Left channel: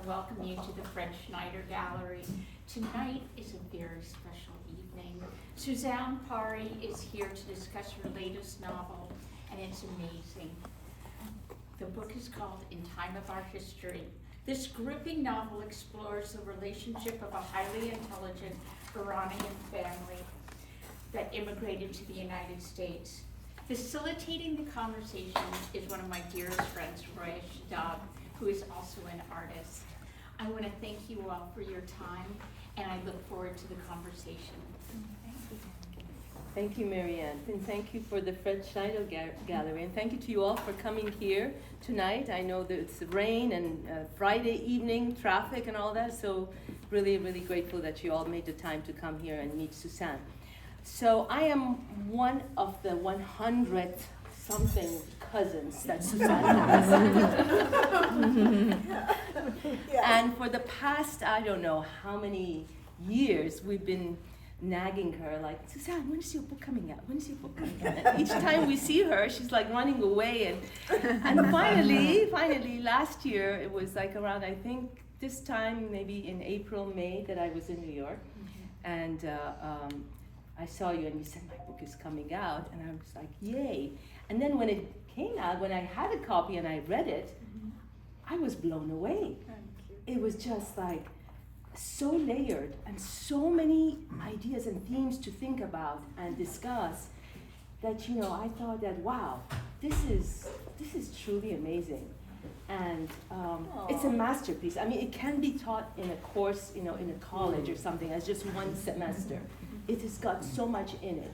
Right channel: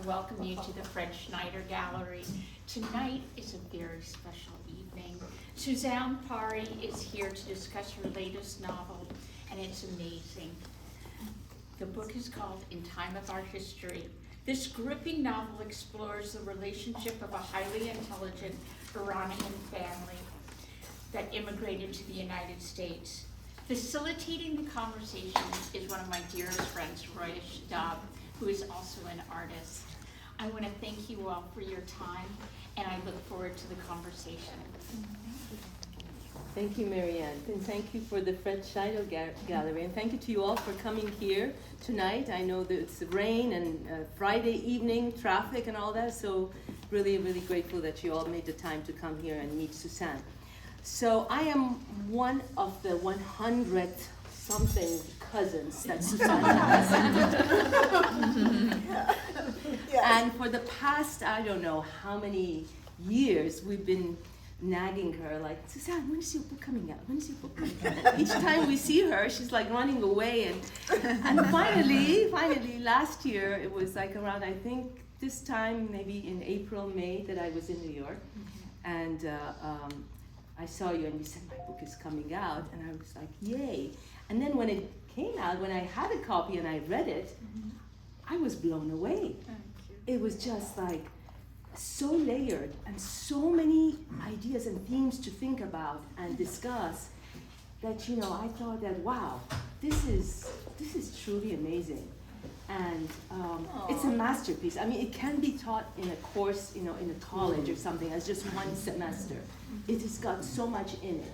want to welcome you to the Fred Schneider Gallery. Tonight is a very special evening. Susanne Pari is here to discuss her latest novel, and it's amazing. The book is called In Time of Our History. This gripping novel explores the relationship of a highly intelligent Iranian family that immigrated to the United States. Facilitating the conversation is one of my dearest friends, Roya Shadab, who is also an artist. I want to thank you all for your time, and I look forward to the conversation. Thank you, Marianne, and thank you for the Fred Schneider Gallery, and thank you to you all for coming here tonight. I know that it's rain and Friday evening traffic and all that, so really, really grateful that you all made the time to come here and meet Susanne. So I am one of the 100 something cousins that Susanne has. And for the past, I don't know how many years, we've been nagging her like, Susanne, when is your book coming out? When is your book coming out? And each time we see her, she's like running away. And finally, last year, it was like around, I think this time, maybe in April, May, that I was in New York. And I saw you and you said, my book is coming out. And I was like, yay. And then when it came out, when I had a copy and I read it, I was blown away. It was just like so layered and so many ideas and themes to think about and discuss that, you know, I thought that, wow, this is truly amazing. And it's a masterpiece. I mean, it can be taught in a course, you know, in a college or something as just one semester. It has got so much in it.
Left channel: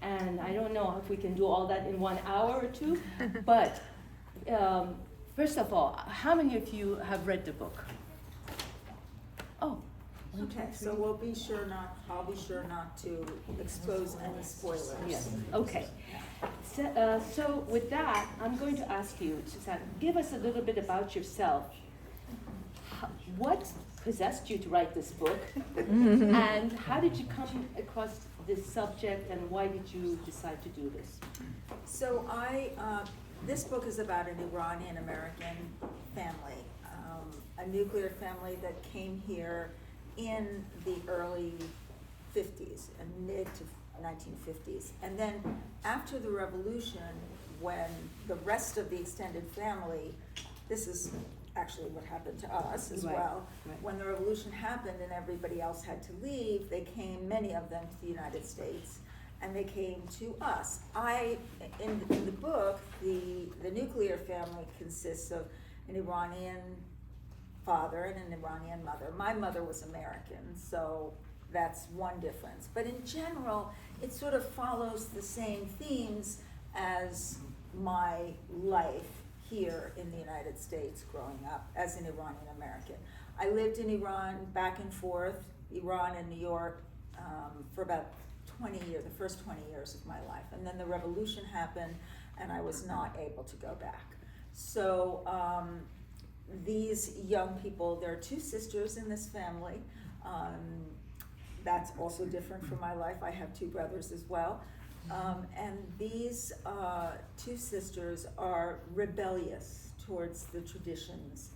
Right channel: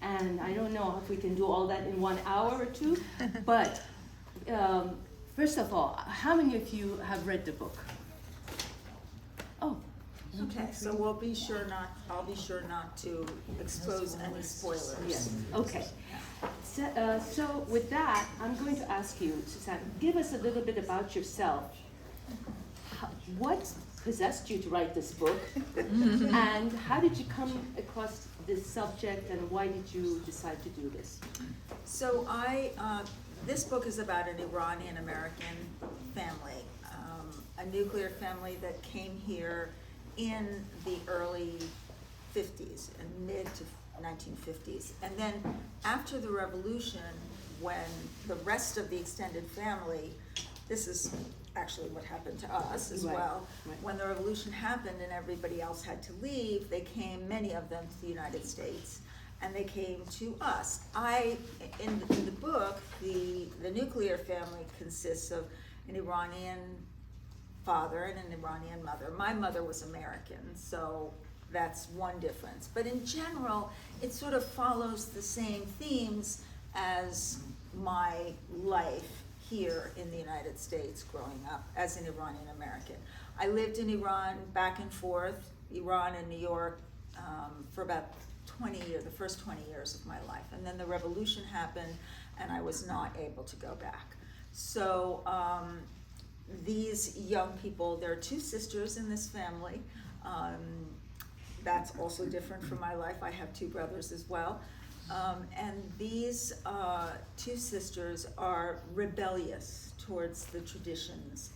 And I don't know if we can do all that in 1 hour or two, but first of all, how many of you have read the book? Oh. Okay, so I'll be sure not to expose any spoilers. Yes, okay. So with that, I'm going to ask you, Susanne, give us a little bit about yourself. What possessed you to write this book? And how did you come across this subject, and why did you decide to do this? So this book is about an Iranian-American family, a nuclear family that came here in the early 50s and mid to 1950s. And then after the revolution, when the rest of the extended family, this is actually what happened to us as well. Right. When the revolution happened and everybody else had to leave, they came, many of them, to the United States, and they came to us. In the book, the nuclear family consists of an Iranian father and an Iranian mother. My mother was American, so that's one difference. But in general, it sort of follows the same themes as my life here in the United States growing up as an Iranian American. I lived in Iran back and forth, Iran and New York, for about 20 years, the first 20 years of my life. And then the revolution happened and I was not able to go back. So these young people, there are two sisters in this family. That's also different from my life. I have two brothers as well. And these two sisters are rebellious towards the traditions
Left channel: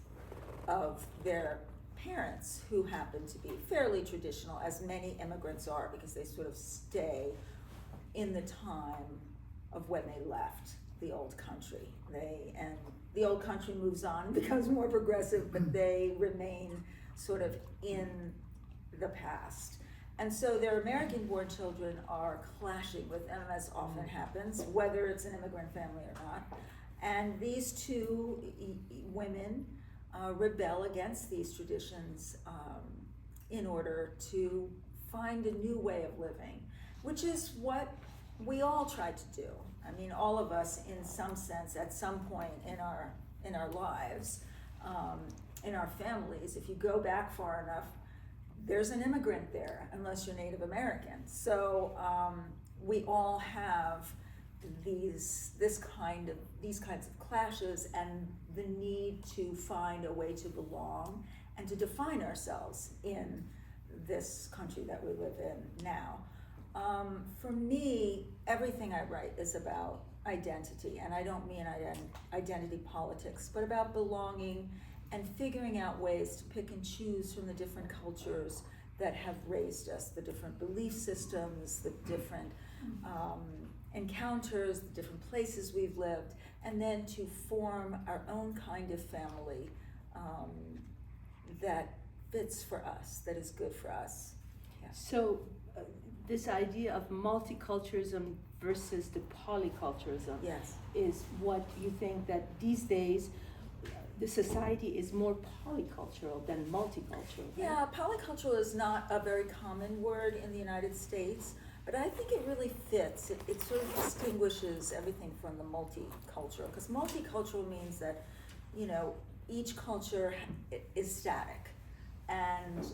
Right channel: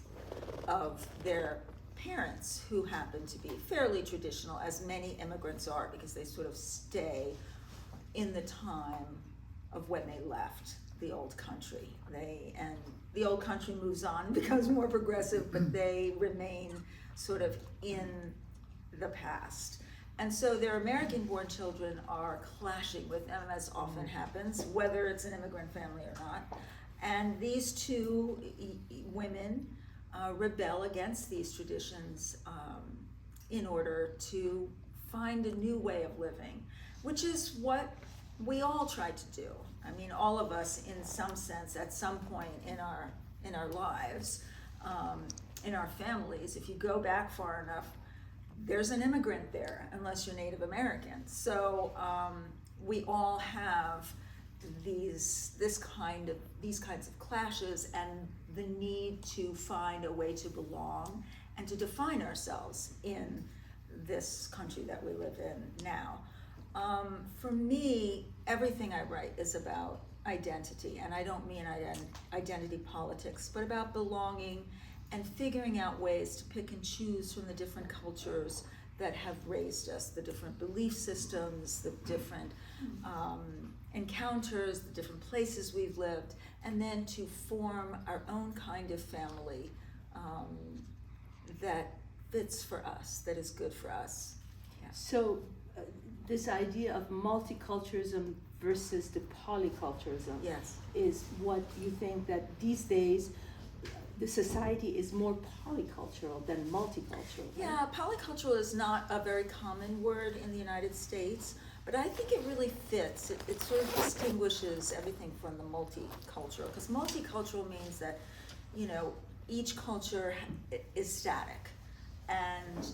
of their parents, who happen to be fairly traditional, as many immigrants are, because they sort of stay in the time of when they left the old country. And the old country moves on, becomes more progressive, but they remain sort of in the past. And so their American-born children are clashing with them, as often happens, whether it's an immigrant family or not. And these two women rebel against these traditions in order to find a new way of living, which is what we all try to do. I mean, all of us, in some sense, at some point in our lives, in our families, if you go back far enough, there's an immigrant there, unless you're Native American. So we all have these kinds of clashes and the need to find a way to belong and to define ourselves in this country that we live in now. For me, everything I write is about identity, and I don't mean identity politics, but about belonging and figuring out ways to pick and choose from the different cultures that have raised us, the different belief systems, the different encounters, the different places we've lived, and then to form our own kind of family that fits for us, that is good for us. Yeah. So this idea of multiculturalism versus the polyculturalism Yes. is what you think that these days the society is more polycultural than multicultural, right? Yeah, polycultural is not a very common word in the United States, but I think it really fits. It sort of distinguishes everything from the multicultural, because multicultural means that, you know, each culture is static and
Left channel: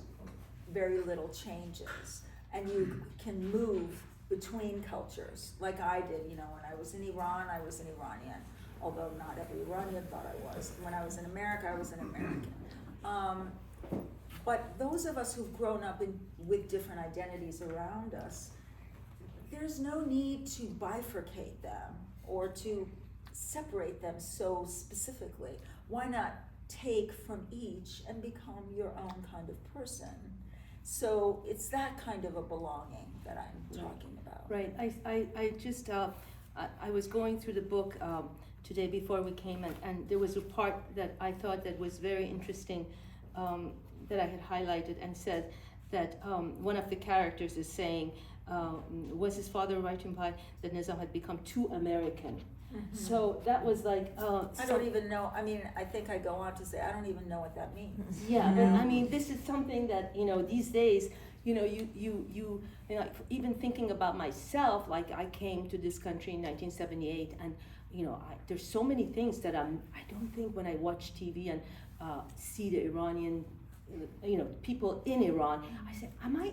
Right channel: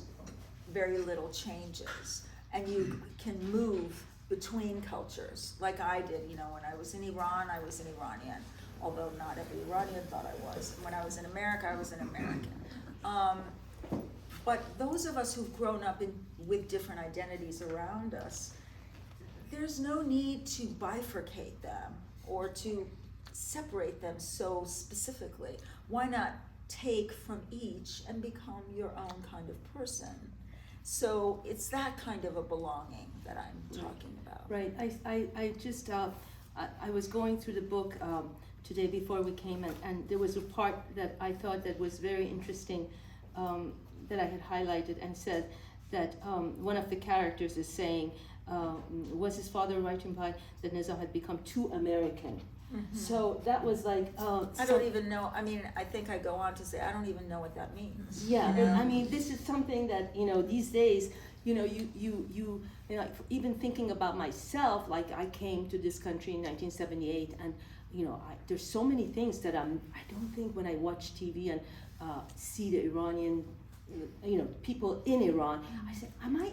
very little changes, and you can move between cultures, like I did. You know, when I was in Iran, I was an Iranian, although not every Iranian thought I was. When I was in America, I was an American. But those of us who've grown up with different identities around us, there's no need to bifurcate them or to separate them so specifically. Why not take from each and become your own kind of person? So it's that kind of a belonging that I'm talking about. Right. I just I was going through the book today before we came, and there was a part that I thought that was very interesting that I had highlighted and said that one of the characters is saying, was his father right to imply that Nizam had become too American? Mm-hmm. So that was like I don't even know. I mean, I think I go on to say I don't even know what that means. Yeah, you know? I mean, this is something that, you know, these days, you know, you know, even thinking about myself, like I came to this country in 1978, and you know, there's so many things that I don't think when I watch TV and see the Iranian, you know, people in Iran, I say, am I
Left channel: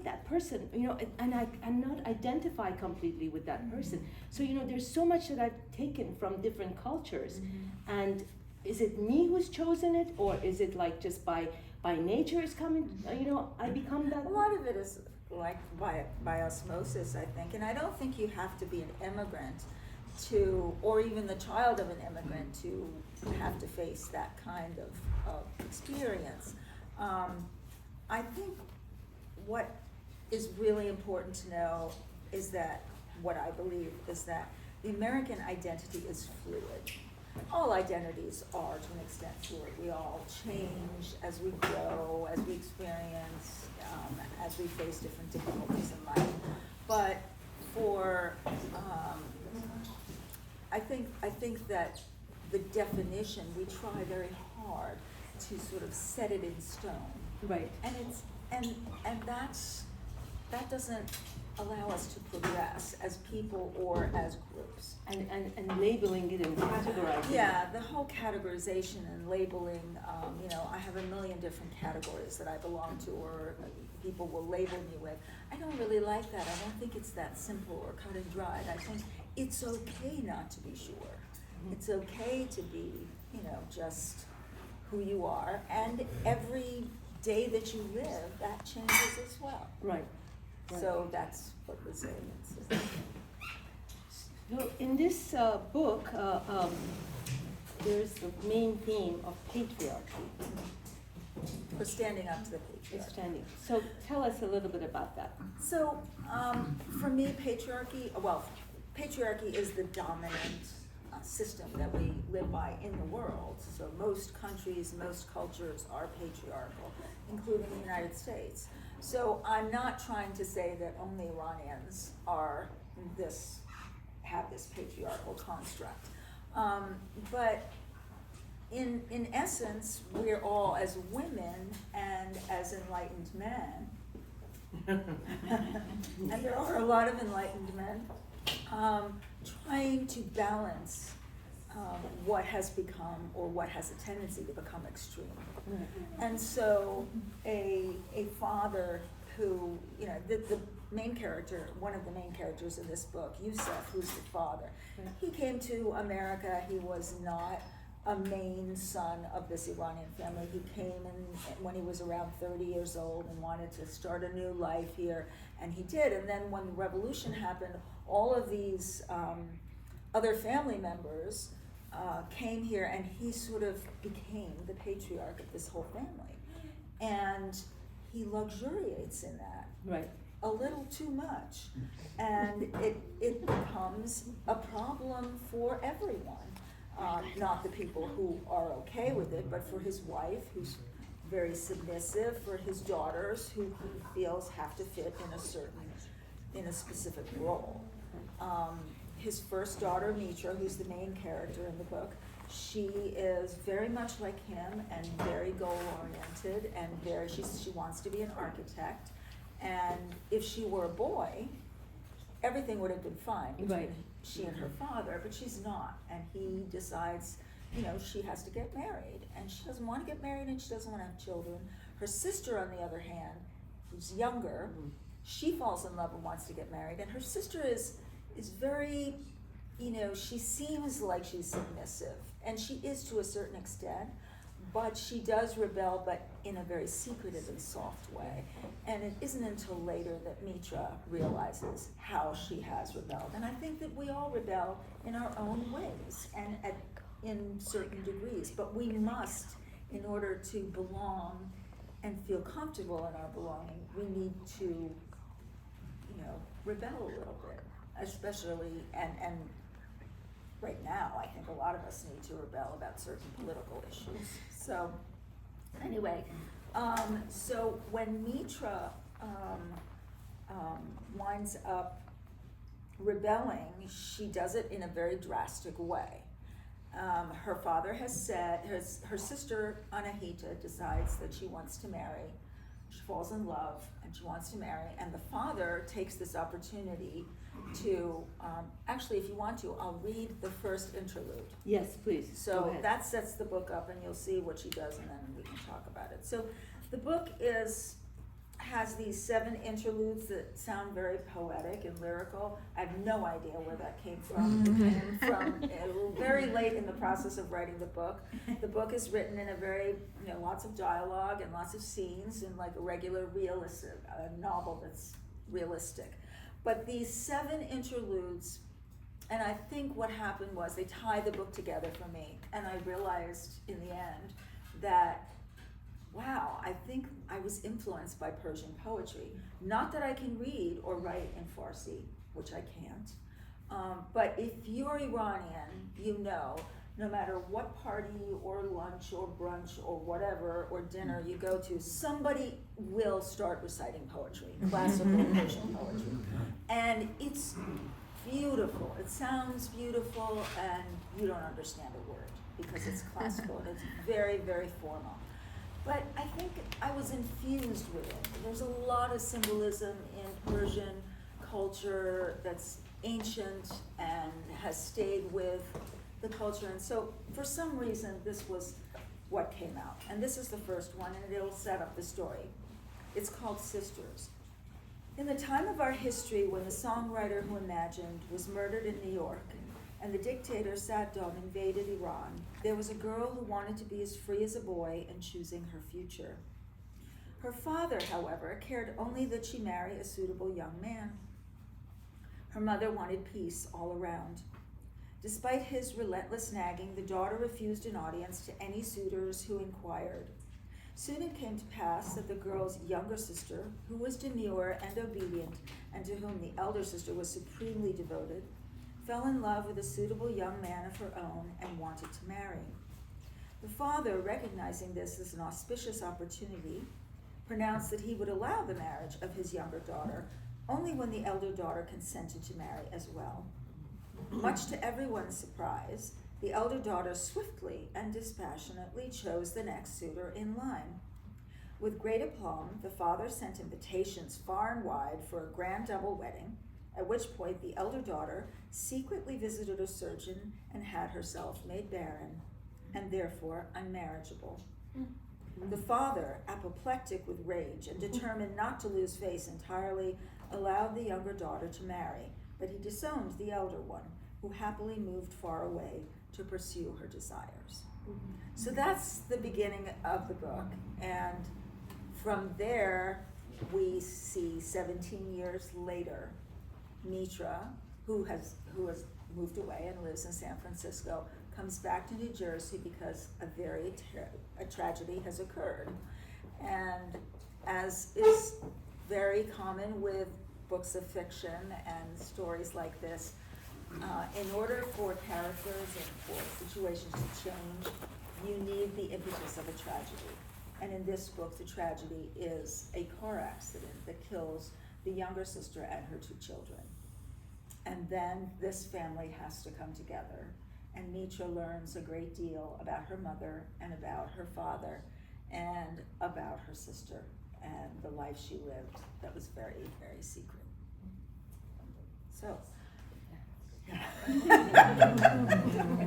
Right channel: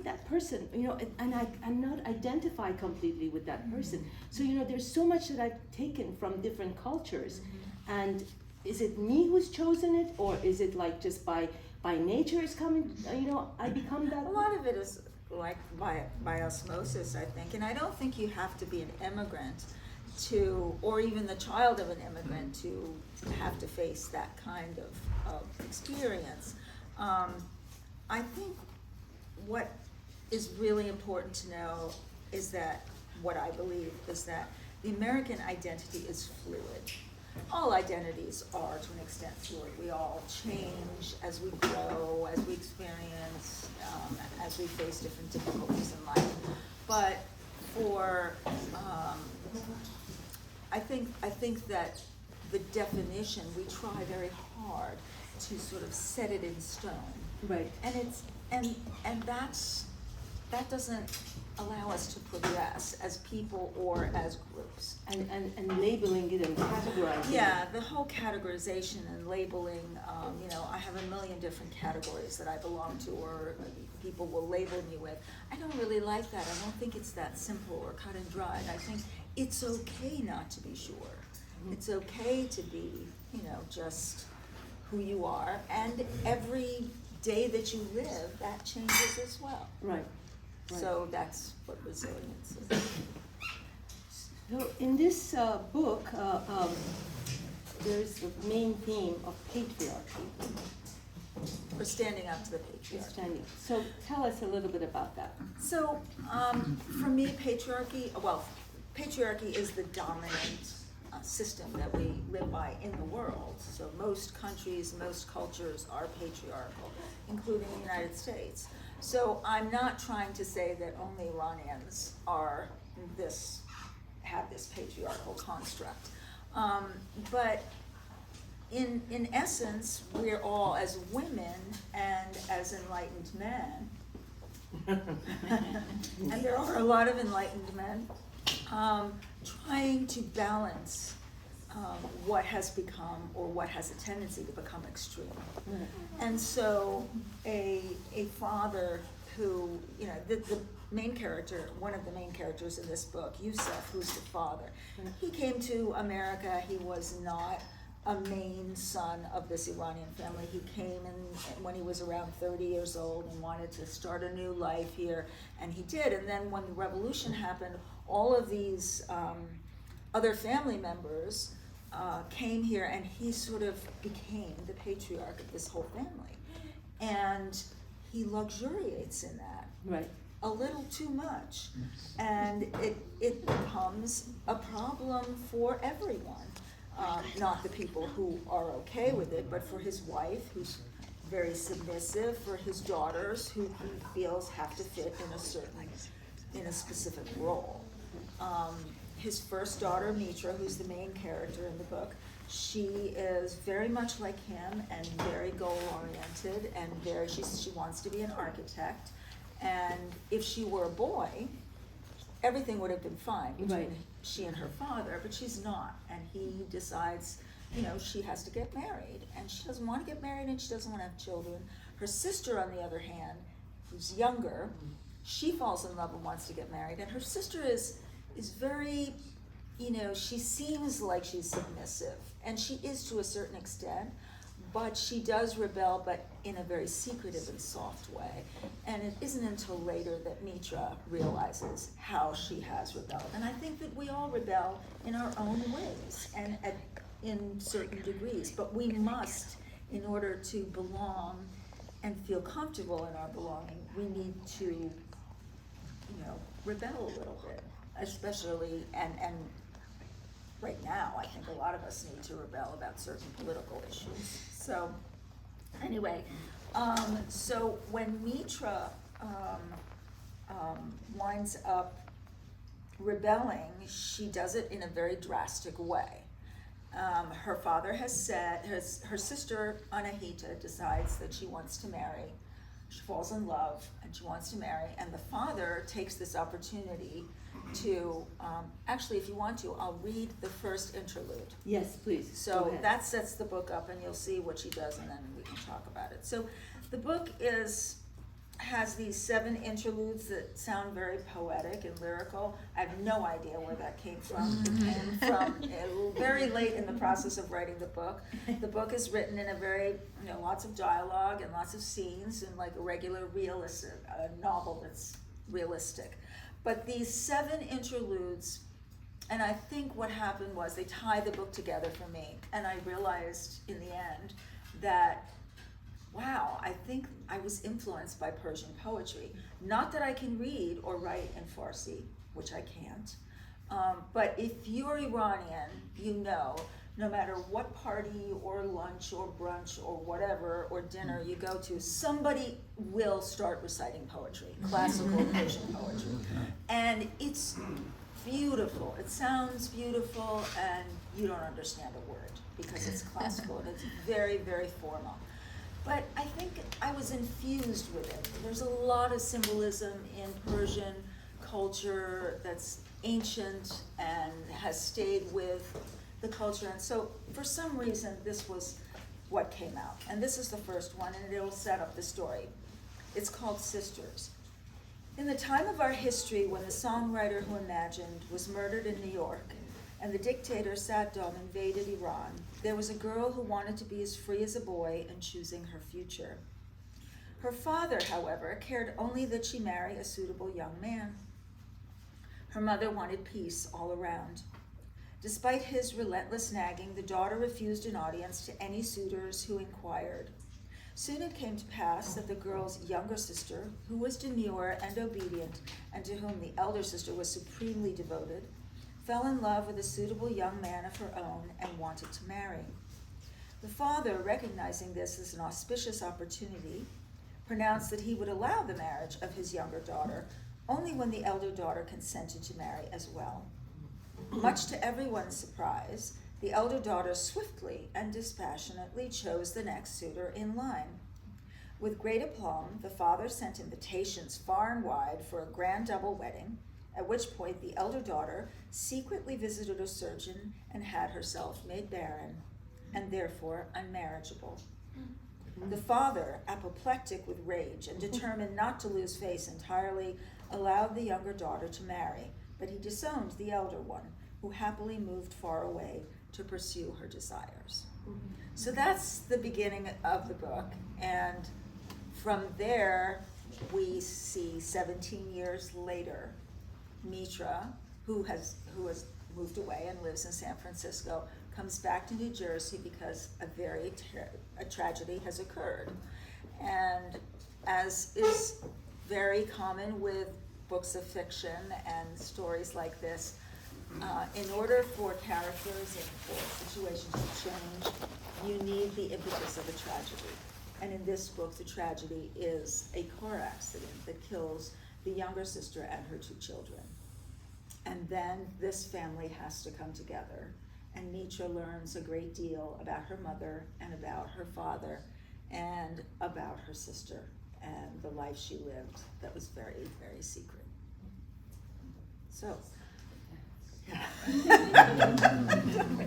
that person? You know, and I'm not identify completely with that person. So, you know, there's so much that I've taken from different cultures. And is it me who's chosen it, or is it like just by nature is coming, you know, I become that? A lot of it is like by osmosis, I think. And I don't think you have to be an immigrant to, or even the child of an immigrant, to have to face that kind of experience. I think what is really important to know is that, what I believe is that the American identity is fluid. All identities are, to an extent, fluid. We all change as we grow, as we experience, as we face different difficulties in life. But for, I think that the definition, we try very hard to sort of set it in stone. Right. And it's and that doesn't allow us to progress as people or as groups. And labeling it and categorizing Yeah, it. the whole categorization and labeling, you know, I have a million different categories that I belong to, or people will label me with. I don't really like that. I don't think it's that simple or cut and dried. I think it's okay not to be sure. Mm-hmm. It's okay to be, you know, just who you are, and every day that you live, that changes as well. Right. So that's what resilience is. So in this book, there's the main theme of patriarchy. Or standing up to the patriarchy. So tell us a little bit about that. So for me, patriarchy is the dominant system that we live by in the world. So most countries, most cultures are patriarchal, including the United States. So I'm not trying to say that only Iranians have this patriarchal construct. But in essence, we're all, as women and as enlightened men, and there are a lot of enlightened men, trying to balance what has become, or what has a tendency to become, extreme. Right. And so a father who, you know, the main character, one of the main characters in this book, Yusuf, who's the father, Right. he came to America. He was not a main son of this Iranian family. He came when he was around 30 years old and wanted to start a new life here, and he did. And then when the revolution happened, all of these other family members came here, and he sort of became the patriarch of this whole family. And he luxuriates in that. Right. A little too much. And it becomes a problem for everyone. Not the people who are okay with it, but for his wife, who's very submissive, for his daughters, who he feels have to fit in a specific role. His first daughter, Mitra, who's the main character in the book, she is very much like him and very goal-oriented, and she wants to be an architect. And if she were a boy, everything would have been fine between she and her father, but she's not. And he decides, she has to get married, and she doesn't want to get married, and she doesn't want to have children. Her sister, on the other hand, who's younger, she falls in love and wants to get married, and her sister is very, she seems like she's submissive, and she is to a certain extent, but she does rebel, but in a very secretive and soft way. And it isn't until later that Mitra realizes how she has rebelled. And I think that we all rebel in our own ways and in certain degrees, but we must, in order to belong and feel comfortable in our belonging, we need to, rebel a little bit, especially, and right now, I think a lot of us need to rebel about certain political issues. So, anyway, so when Mitra winds up rebelling, she does it in a very drastic way. Her father has said, her sister Anahita decides that she wants to marry. She falls in love and she wants to marry, and the father takes this opportunity to, actually, if you want to, I'll read the first interlude. Yes, please. So that sets the book up, and you'll see what she does, and then we can talk about it. So the book has these 7 interludes that sound very poetic and lyrical. I have no idea where that came from. It came from very late in the process of writing the book. The book is written in a very, lots of dialogue and lots of scenes, and like a regular realistic novel that's realistic. But these 7 interludes, and I think what happened was they tied the book together for me, and I realized in the end that, wow, I think I was influenced by Persian poetry. Not that I can read or write in Farsi, which I can't, but if you're Iranian, no matter what party or lunch or brunch or whatever, or dinner you go to, somebody will start reciting poetry, classical Persian poetry. And it's beautiful. It sounds beautiful, and you don't understand a word because it's classical and it's very, very formal. But I think I was infused with it. There's a lot of symbolism in Persian culture that's ancient and has stayed with the culture. And so for some reason, this was what came out. And this is the first one, and it'll set up the story. It's called Sisters. In the time of our history, when the songwriter who imagined was murdered in New York, and the dictator Saddam invaded Iran, there was a girl who wanted to be as free as a boy in choosing her future. Her father, however, cared only that she marry a suitable young man. Her mother wanted peace all around. Despite his relentless nagging, the daughter refused an audience to any suitors who inquired. Soon it came to pass that the girl's younger sister, who was demure and obedient, and to whom the elder sister was supremely devoted, fell in love with a suitable young man of her own and wanted to marry. The father, recognizing this as an auspicious opportunity, pronounced that he would allow the marriage of his younger daughter only when the elder daughter consented to marry as well. Much to everyone's surprise, the elder daughter swiftly and dispassionately chose the next suitor in line. With great aplomb, the father sent invitations far and wide for a grand double wedding, at which point the elder daughter secretly visited a surgeon and had herself made barren, and therefore unmarriageable. The father, apoplectic with rage and determined not to lose face entirely, allowed the younger daughter to marry, but he disowned the elder one, who happily moved far away to pursue her desires. So that's the beginning of the book, and from there we see 17 years later, Mitra, who has moved away and lives in San Francisco, comes back to New Jersey because a tragedy has occurred. And as is very common with books of fiction and stories like this, in order for characters and for situations to change, you need the impetus of a tragedy. And in this book, the tragedy is a car accident that kills the younger sister and her 2 children. And then this family has to come together, and Mitra learns a great deal about her mother and about her father and about her sister and the life she lived that was very, very secret. So. I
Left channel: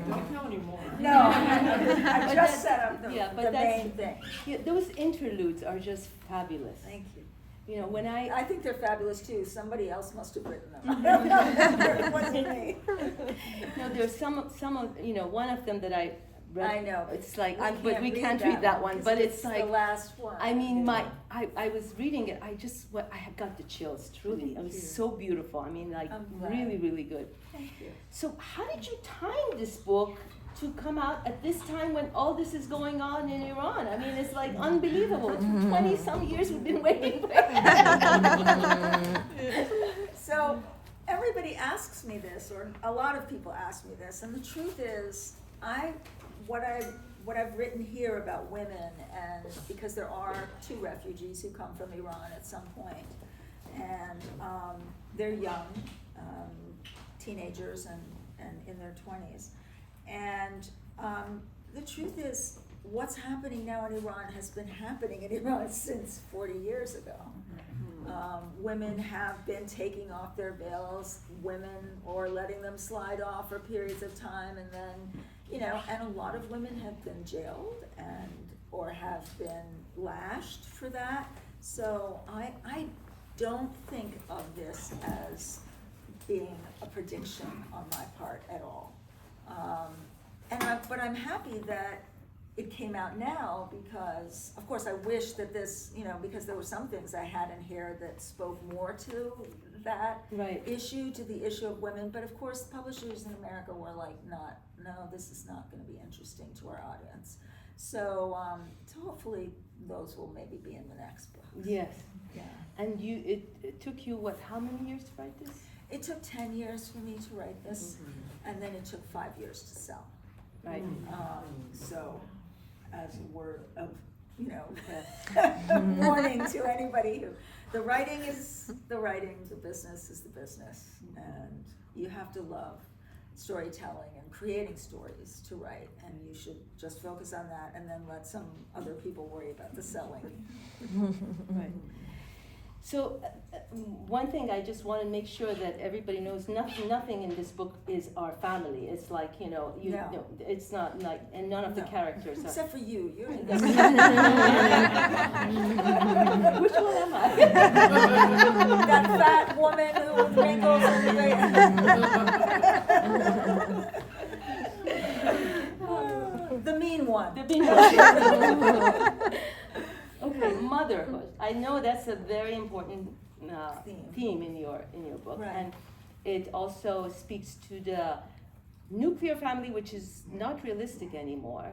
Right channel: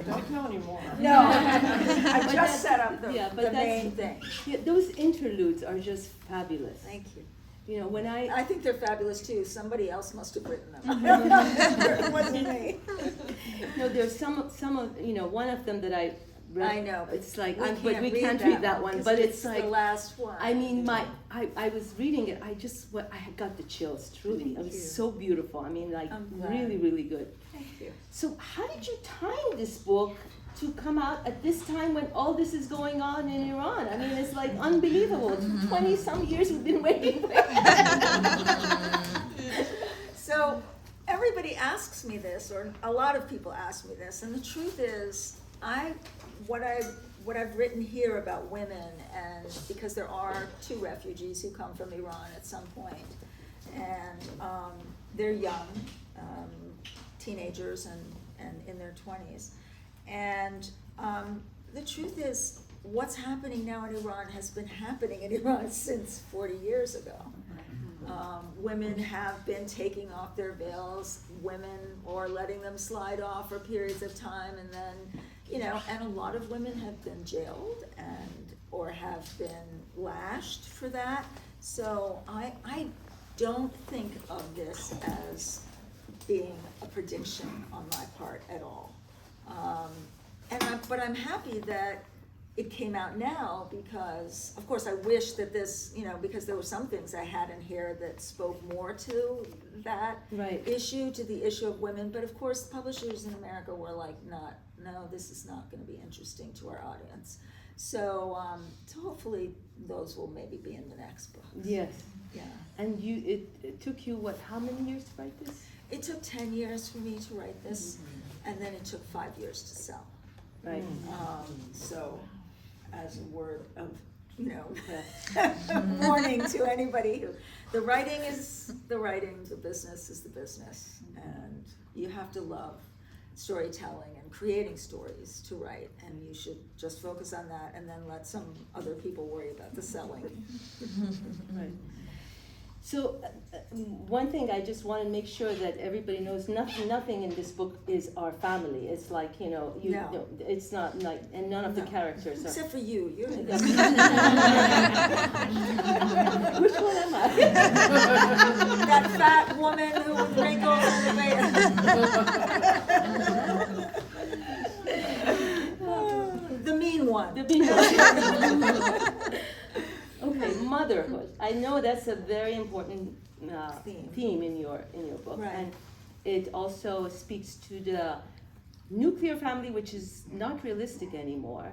don't know anymore. No, I But just that's- set up the that's- main thing. Yeah, those interludes are just fabulous. Thank you. You know, when I think they're fabulous too. Somebody else must have written them. Mm-hmm. It wasn't me. no, there's some of, you know, one of them that I read. I know, but It's like, we but we can't can't read that one, 'cause but it's like, the last one. I mean, I was reading it, I had got the chills, truly. It Thank was you. so beautiful. I mean, like, I'm glad. really, really good. Thank you. So how did you time this book to come out at this time when all this is going on in Iran? I mean, it's like unbelievable. 20-some years we've been waiting for it. So everybody asks me this, or a lot of people ask me this, and the truth is, what I've written here about women, and because there are 2 refugees who come from Iran at some point, and they're young, teenagers and in their 20s. And the truth is, what's happening now in Iran has been happening in Iran since 40 years ago. Women have been taking off their veils, or letting them slide off for periods of time, and then, you know, and a lot of women have been jailed or have been lashed for that. So I don't think of this as being a prediction on my part at all. But I'm happy that it came out now because, of course, I wish that this, you know, because there were some things I had in here that spoke more to that Right. issue, to the issue of women. But of course, publishers in America were like, no, this is not going to be interesting to our audience. So hopefully those will maybe be in the next book. Yes. Yeah. And it took you, what, how many years to write this? It took 10 years for me to write this, and then it took 5 years to sell. Right. So, as a word of, you know, warning to anybody who, the writing is the writing, the business is the business, and you have to love storytelling and creating stories to write, and you should just focus on that and then let some other people worry about the selling. Right. So one thing I just want to make sure that everybody knows, nothing in this book is our family. It's like, you know, No. it's not like, and none of the No. characters are. Except for you, you're in Yeah. this. Which one am I? That fat woman who with wrinkles and the mean one. The big one. Okay, motherhood. I know that's a very important theme in your book, Right. and it also speaks to the nuclear family, which is not realistic anymore.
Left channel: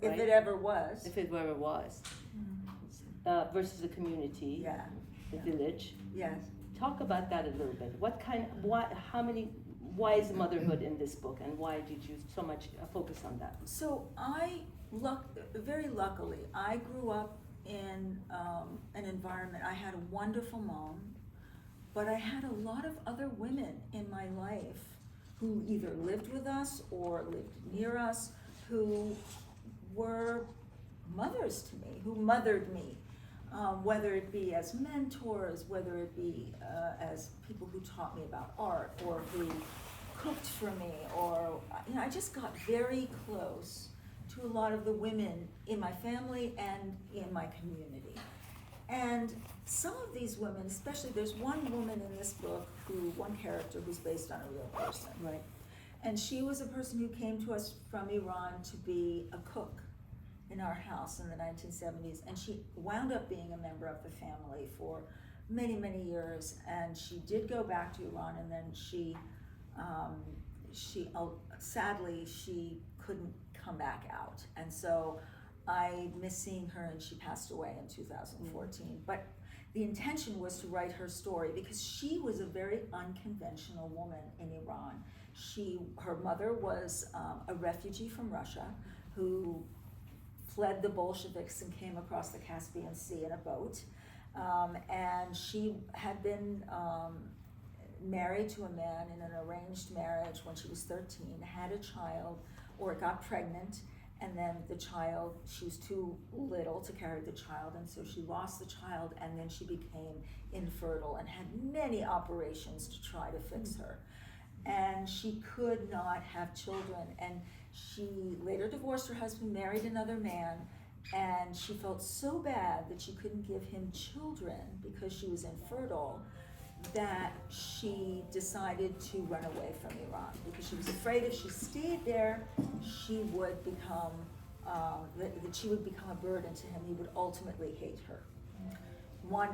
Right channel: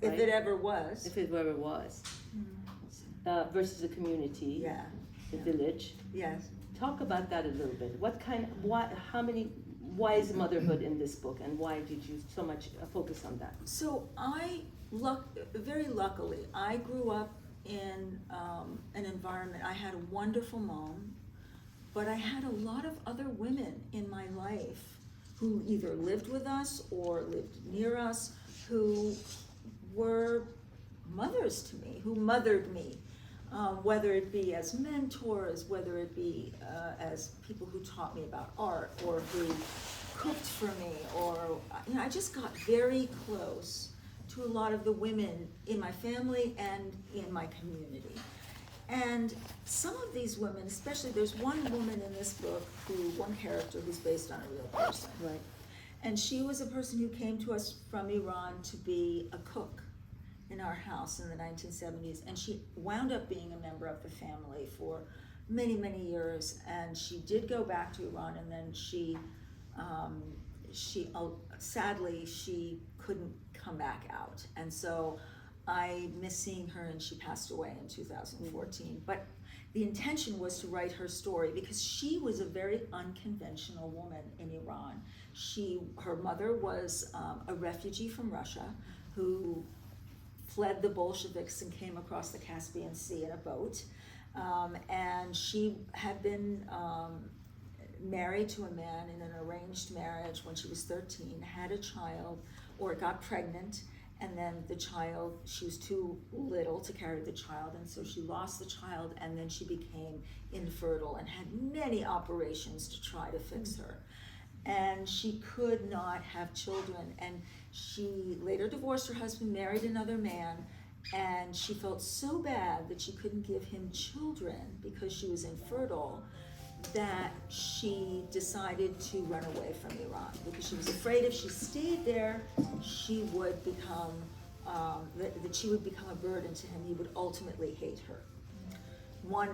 If Right. it ever was. If it ever was, versus the community, Yeah, the village. yes. Talk about that a little bit. Why is motherhood in this book, and why did you so much focus on that? So very luckily, I grew up in an environment. I had a wonderful mom, but I had a lot of other women in my life who either lived with us or lived near us, who were mothers to me, who mothered me, whether it be as mentors, whether it be as people who taught me about art, or who cooked for me, or, you know, I just got very close to a lot of the women in my family and in my community. And some of these women, especially, there's one woman in this book, one character who's based on a real person. Right. And she was a person who came to us from Iran to be a cook in our house in the 1970s. And she wound up being a member of the family for many, many years. And she did go back to Iran, and then sadly, she couldn't come back out. And so I missed seeing her, and she passed away in 2014. But the intention was to write her story because she was a very unconventional woman in Iran. Her mother was a refugee from Russia who fled the Bolsheviks and came across the Caspian Sea in a boat. And she had been married to a man in an arranged marriage when she was 13, had a child, or got pregnant, and then the child, she was too little to carry the child, and so she lost the child, and then she became infertile and had many operations to try to fix her. And she could not have children, and she later divorced her husband, married another man, and she felt so bad that she couldn't give him children because she was infertile, that she decided to run away from Iran because she was afraid if she stayed there, she would become that she would become a burden to him. He would ultimately hate her.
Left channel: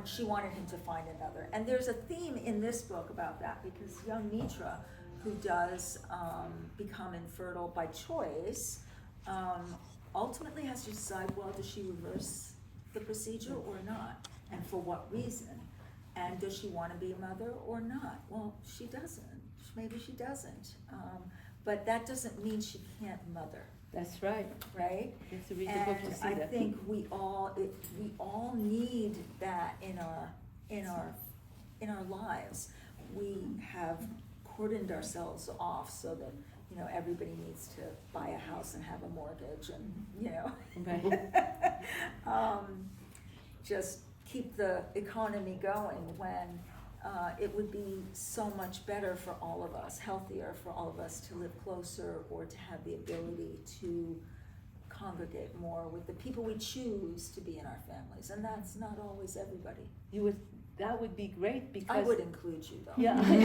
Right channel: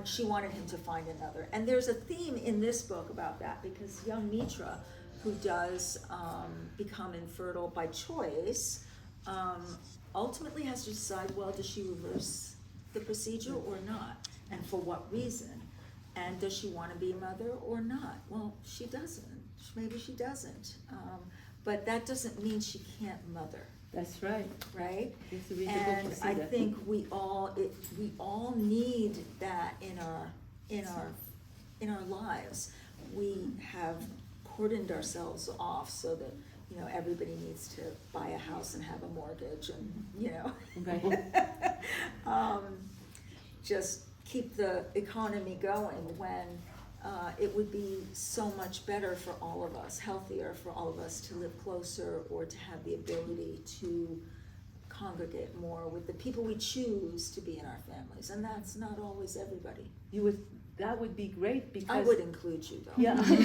She wanted him to find another, and there's a theme in this book about that because young Mitra, who does become infertile by choice, ultimately has to decide, well, does she reverse the procedure or not, and for what reason? And does she want to be a mother or not? Well, she doesn't. Maybe she doesn't. But that doesn't mean she can't mother. That's right. Right? It's to read the book And to see I that. think we all need that in our lives. We have cordoned ourselves off so that everybody needs to buy a house and have a mortgage, and Right. just keep the economy going when it would be so much better for all of us, healthier for all of us to live closer or to have the ability to congregate more with the people we choose to be in our families. And that's not always everybody. That would be great because I would include you though. Yeah, I hope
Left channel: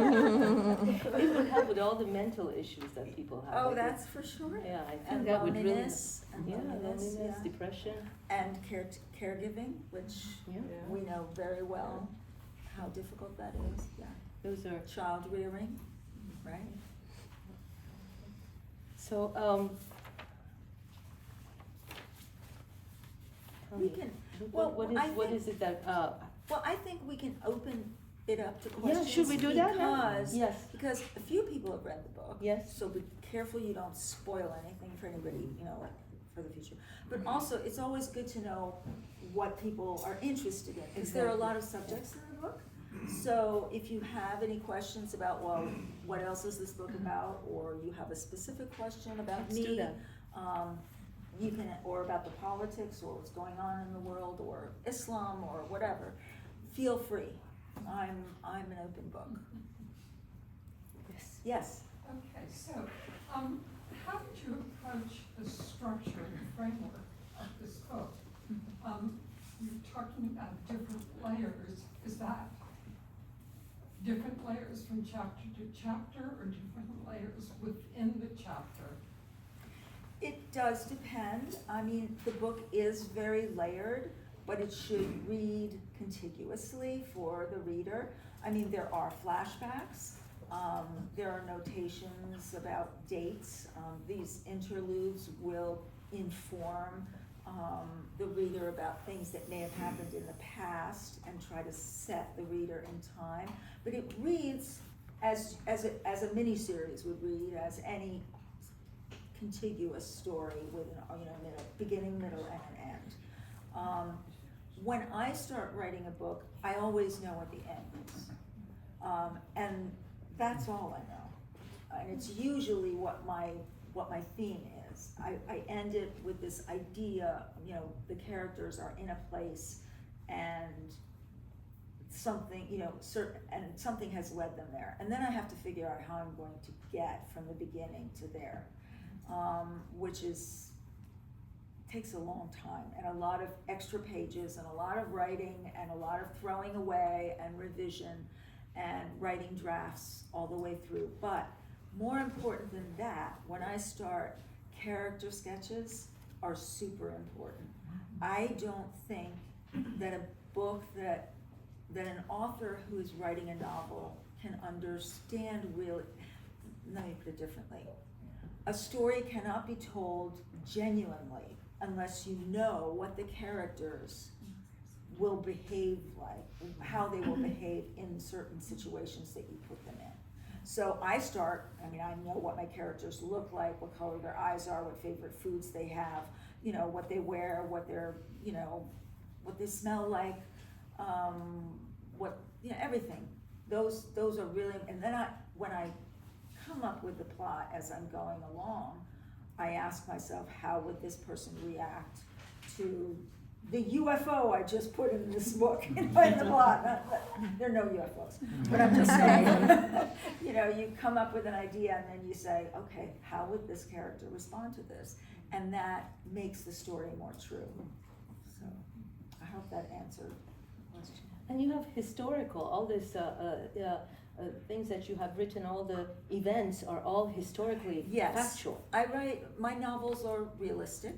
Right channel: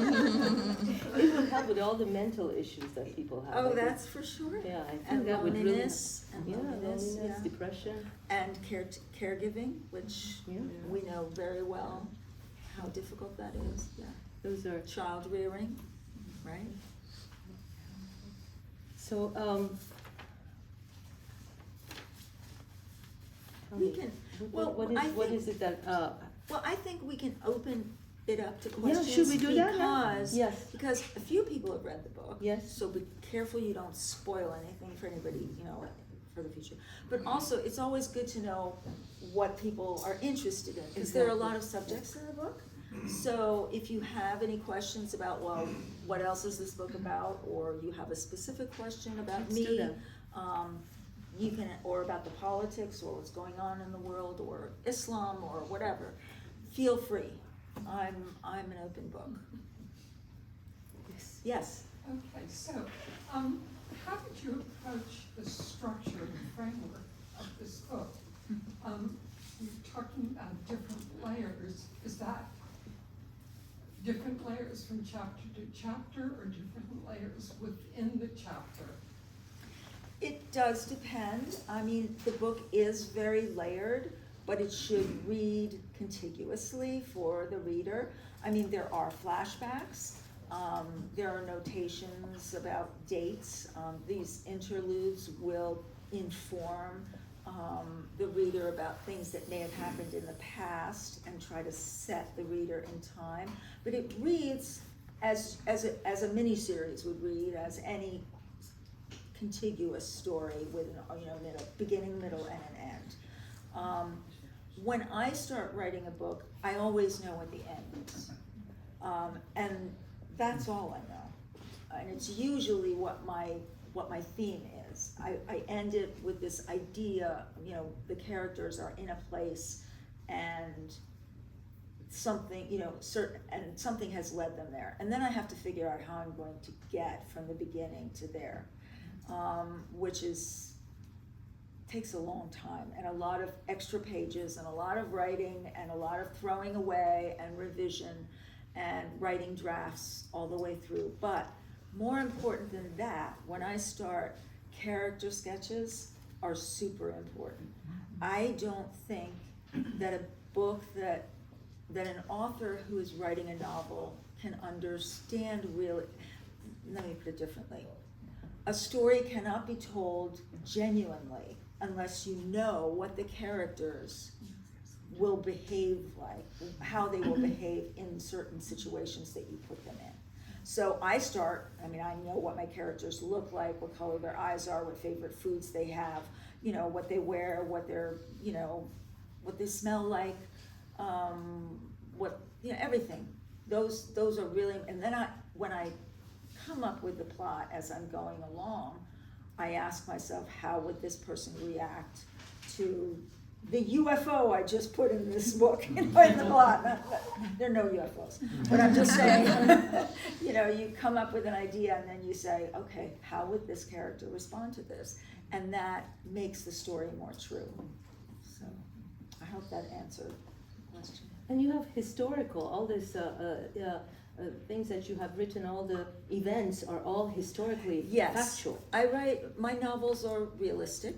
you do. It would help with all the mental issues that people have. Oh, that's for sure. Yeah, I think And that would really. loneliness, Loneliness, yeah. depression. And caregiving, which Yeah. we know very well how difficult that is. Yeah. Those are Child rearing, right? so. Tell We me, can, what well, is it that? Well, I think we can open it up to questions. Should we do that now? Yes. Because a few people have read the book. Yes. So be careful you don't spoil anything for anybody, for the future. But also, it's always good to know what people are interested in, because there are a lot of subjects in the book. So if you have any questions about, well, what else is this book about, or you have a specific question about Let's do me, that. you can, or about the politics, or what's going on in the world, or Islam, or whatever, feel free. I'm an open book. Yes. Yes. Okay, so, how did you approach the structure and framework of this book? You're talking about different layers. Is that different layers from chapter to chapter, or different layers within the chapter? It does depend. I mean, the book is very layered, but it should read contiguously for the reader. I mean, there are flashbacks. There are notations about dates. These interludes will inform the reader about things that may have happened in the past and try to set the reader in time. But it reads as a mini-series would read, as any contiguous story with an beginning, middle, and an end. When I start writing a book, I always know what the end is, and that's all I know. And it's usually what my theme is. I end it with this idea, the characters are in a place, and something, something has led them there, and then I have to figure out how I'm going to get from the beginning to there. Which takes a long time, and a lot of extra pages, and a lot of writing, and a lot of throwing away, and revision, and writing drafts all the way through. But more important than that, when I start, character sketches are super important. I don't think that a book that an author who is writing a novel can understand really, let me put it differently. A story cannot be told genuinely unless you know what the characters will behave like, how they will behave in certain situations that you put them in. So I know what my characters look like, what color their eyes are, what favorite foods they have, what they wear, what they're, what they smell like, everything. Those are really, and then when I come up with the plot as I'm going along, I ask myself, how would this person react to the UFO I just put in this book, in the plot? There are no UFOs, but I'm just saying, you come up with an idea and then you say, okay, how would this character respond to this? And that makes the story more true. So I hope that answered the question. And you have historical, all this things that you have written, all the events are all historically factual. My novels are realistic.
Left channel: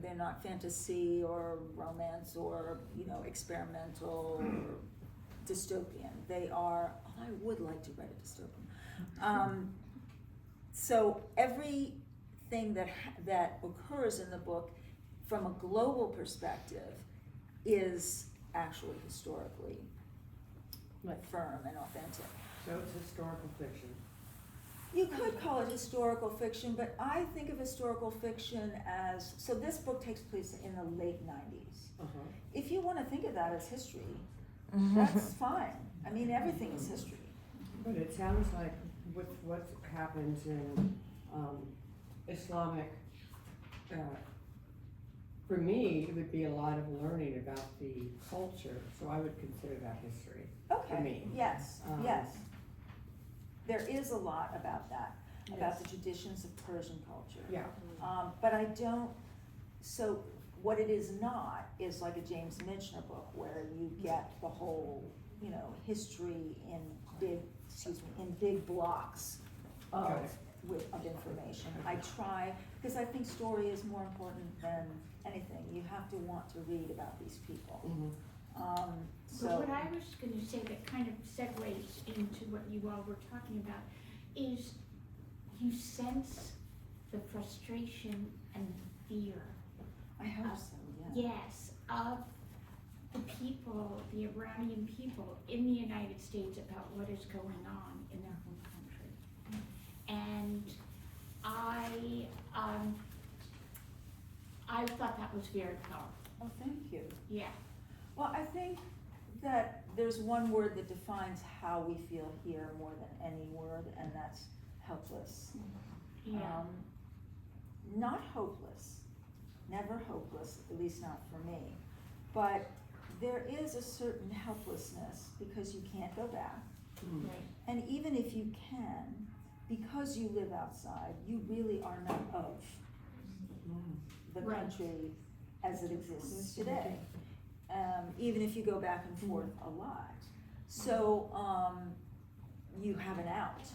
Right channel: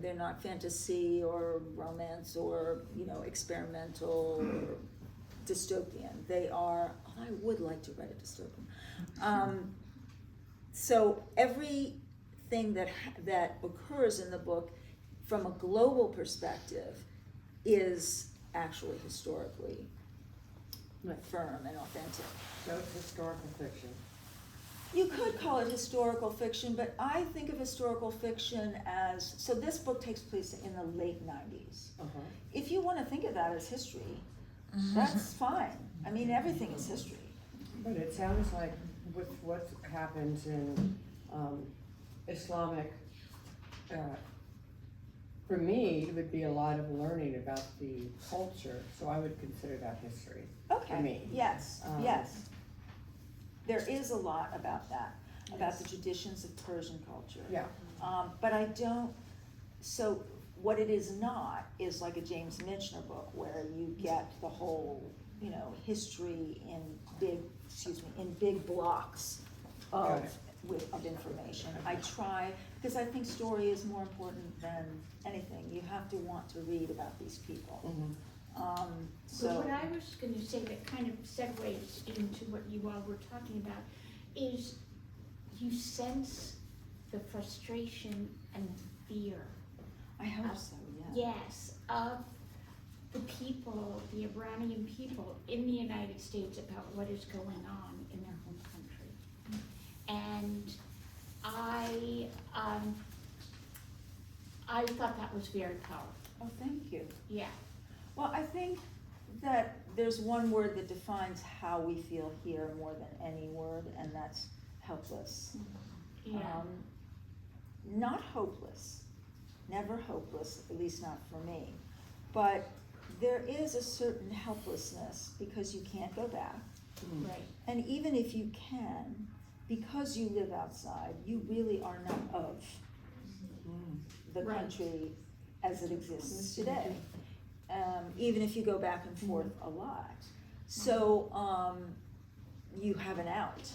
They're not fantasy or romance or, experimental or dystopian. They are, I would like to write a dystopian. So everything that occurs in the book from a global perspective is actually historically firm and authentic. So it's historical fiction. You could call it historical fiction, but I think of historical fiction as, so this book takes place in the late 90s. Uh-huh. If you want to think of that as history, that's fine. I mean, everything is history. But it sounds like with what happens in Islamic, for me, it would be a lot of learning about the culture, so I would consider that history. Okay, For me. yes. There is a lot about that, about the traditions of Persian culture. Yeah. But I don't, so what it is not is like a James Michener book where you get the whole, history in big blocks Got of it. information. I try, because I think story is more important than anything. You have to want to read about these people. Mhm. So what I was gonna say that kind of segues into what you all were talking about is you sense the frustration and fear. I hope so, yeah. Yes, of the people, the Iranian people in the United States about what is going on in their home country. And I thought that was very powerful, Oh, thank you. yeah. Well, I think that there's one word that defines how we feel here more than any word, and that's helpless. Yeah. Not hopeless, never hopeless, at least not for me, but there is a certain helplessness because you can't go back. Right. And even if you can, because you live outside, you really are not of the Right. country as it exists today. Even if you go back and forth a lot. So you have an out,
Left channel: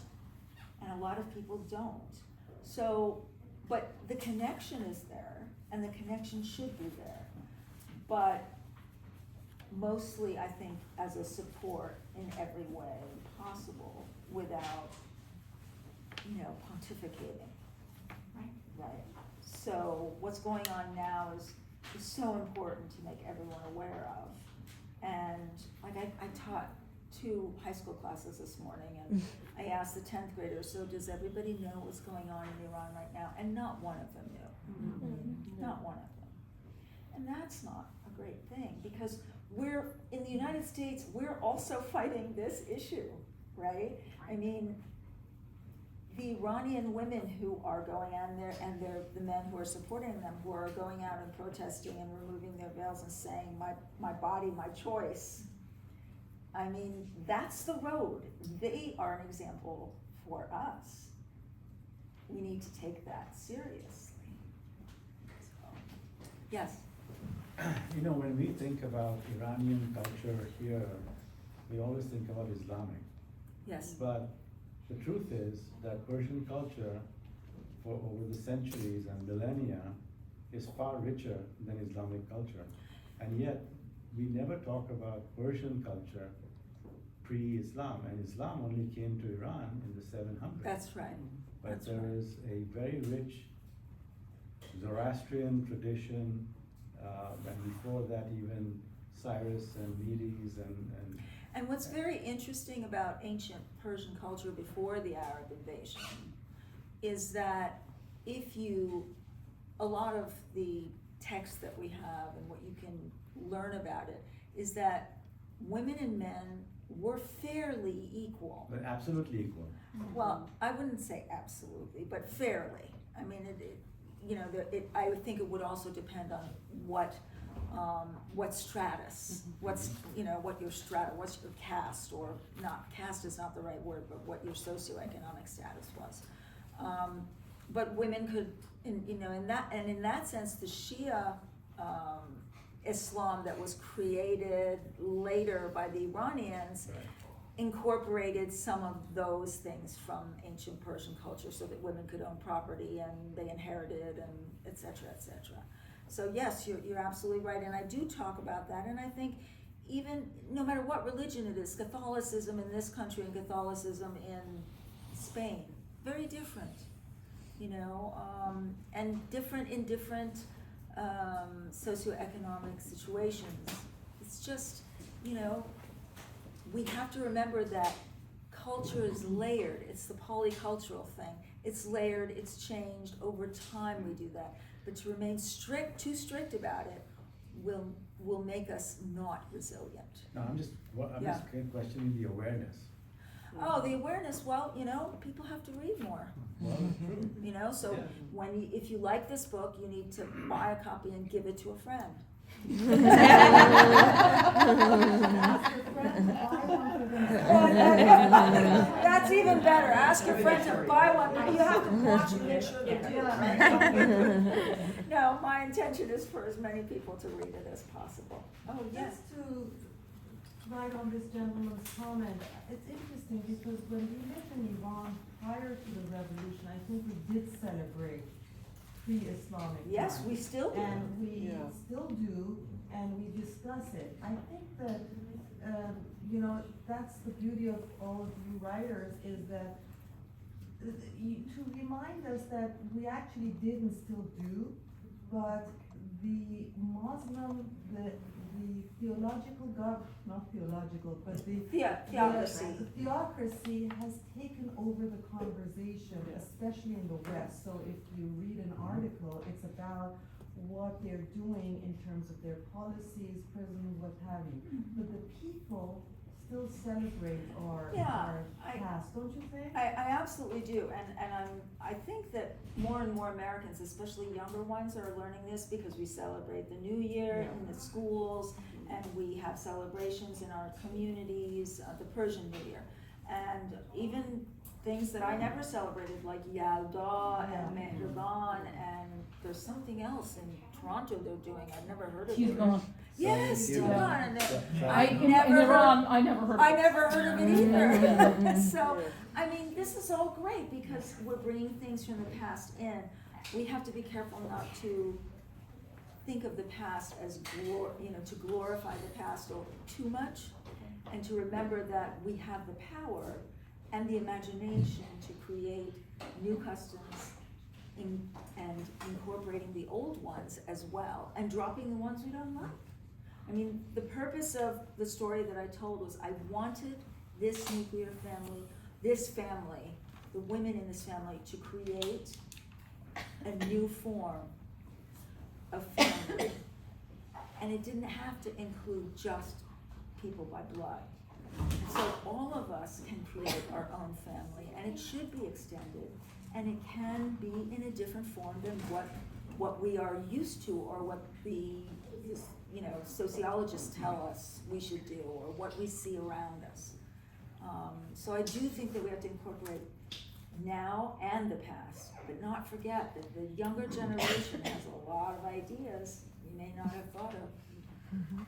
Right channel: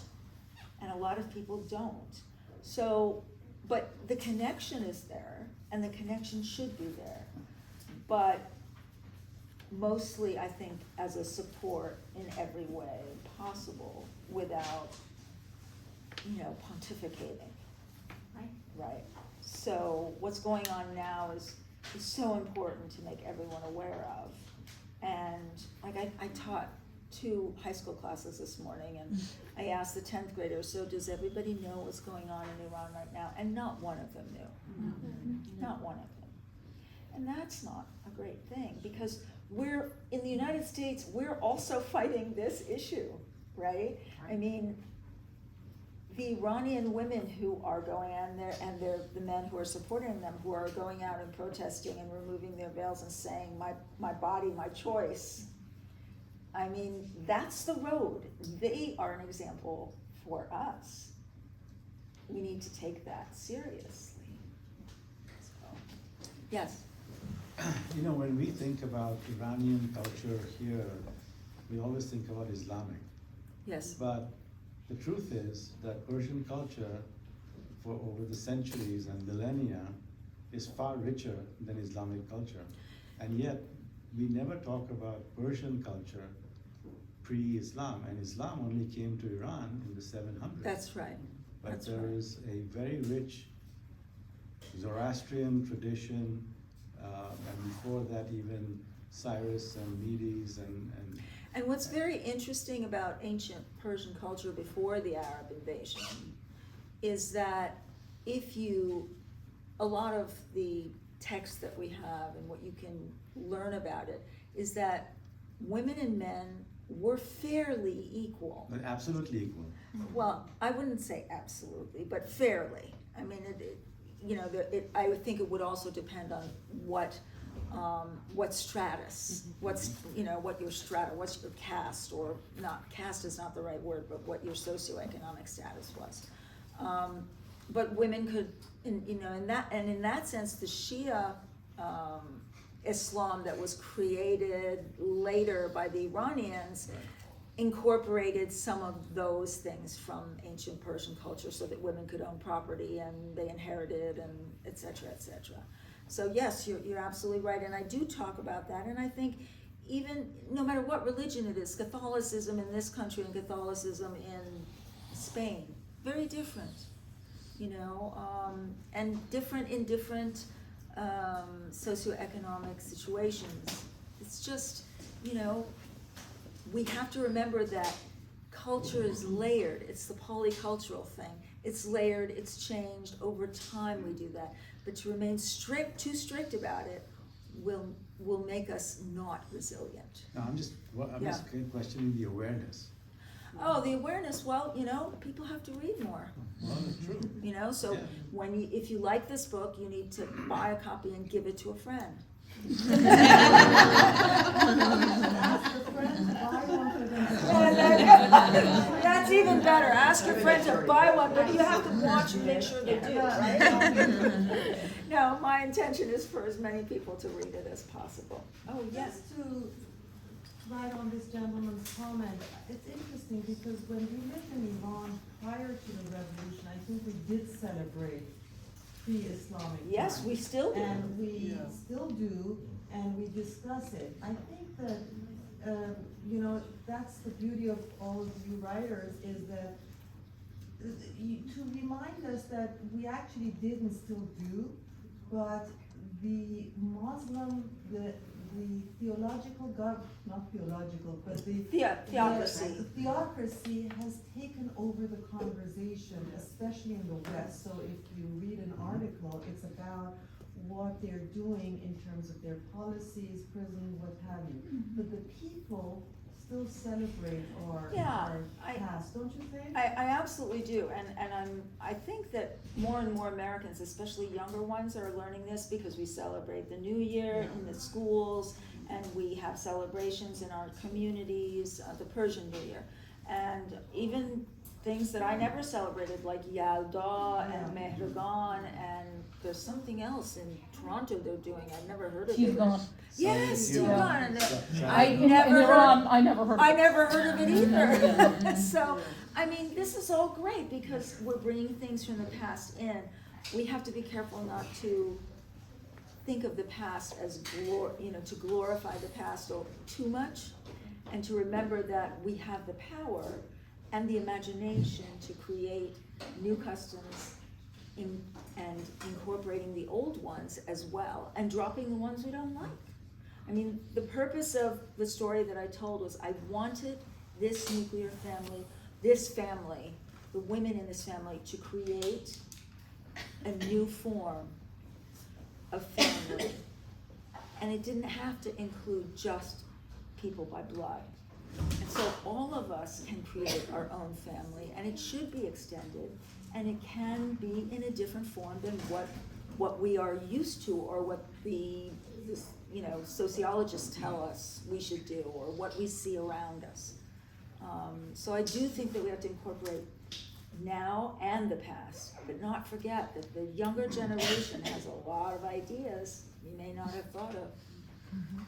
and a lot of people don't. So, but the connection is there, and the connection should be there. But mostly, I think, as a support in every way possible without, pontificating. Right. Right. So what's going on now is so important to make everyone aware of. And like I taught 2 high school classes this morning, and I asked the 10th graders, so does everybody know what's going on in Iran right now? And not one of them knew. Not one of them. And that's not a great thing, because we're, in the United States, we're also fighting this issue, right? I mean, the Iranian women who are going on there, and the men who are supporting them, who are going out and protesting and removing their veils and saying, my body, my choice. I mean, that's the road. They are an example for us. We need to take that seriously. So, yes? When we think about Iranian culture here, we always think about Islamic. Yes. But the truth is that Persian culture, for over the centuries and millennia, is far richer than Islamic culture. And yet, we never talk about Persian culture pre-Islam, and Islam only came to Iran in the 700s. That's right. But that's there right. is a very rich Zoroastrian tradition, and before that even Cyrus and Medes And what's very interesting about ancient Persian culture before the Arab invasion is that a lot of the texts that we have and what you can learn about it is that women and men were fairly equal. but absolutely equal. Well, I wouldn't say absolutely, but fairly. I mean, I would think it would also depend on what stratus, what's your strata, what's your caste, or not, caste is not the right word, but what your socioeconomic status was. But women could, in that sense, the Shia Islam that was created later by the Iranians incorporated some of those things from ancient Persian culture so that women could own property and they inherited and et cetera, et cetera. So yes, you're absolutely right, and I do talk about that, and I think even no matter what religion it is, Catholicism in this country and Catholicism in Spain, very different, and different in different socioeconomic situations. It's just, we have to remember that culture is layered. It's the polycultural thing. It's layered, it's changed, over time we do that. But to remain too strict about it will make us not resilient. No, I'm just questioning the awareness. Oh, the awareness, well, people have to read more. Well, true. So Yeah. if you like this book, you need to buy a copy and give it to a friend. That's even better. Ask your friend to buy one, but you have to watch and make sure they do, right? No, my intention is for as many people to read it as possible. Oh, yes. Just to write on this gentleman's comment, it's interesting because when we lived in Iran prior to the revolution, I think we did celebrate pre-Islamic Yes, times. we still do. And we still do, and we discuss it. I think that, that's the beauty of all of you writers, is that to remind us that we actually did and still do, but the Muslim, the theological not theological, but the Theocracy. the theocracy has taken over the conversation, especially in the West. So if you read an article, it's about what they're doing in terms of their policies, prison, what have you. But the people still celebrate our past, don't you think? I absolutely do, and I think that more and more Americans, especially younger ones, are learning this because we celebrate the New Year in the schools, and we have celebrations in our communities, the Persian New Year, and even things that I never celebrated, like Yalda and Mehraban, and there's something else in Toronto they're doing. I've never heard of it. Yes, Tigan. I never heard of it either. So, I mean, this is all great because we're bringing things from the past in. We have to be careful not to think of the past as to glorify the past too much, and to remember that we have the power and the imagination to create new customs and incorporating the old ones as well, and dropping the ones we don't like. I mean, the purpose of the story that I told was I wanted this nuclear family, the women in this family, to create a new form of family. And it didn't have to include just people by blood. And so all of us can create our own family, and it should be extended, and it can be in a different form than what we are used to, or what the sociologists tell us we should do, or what we see around us. So I do think that we have to incorporate now and the past, but not forget that the younger generation has a lot of ideas you may not have thought of.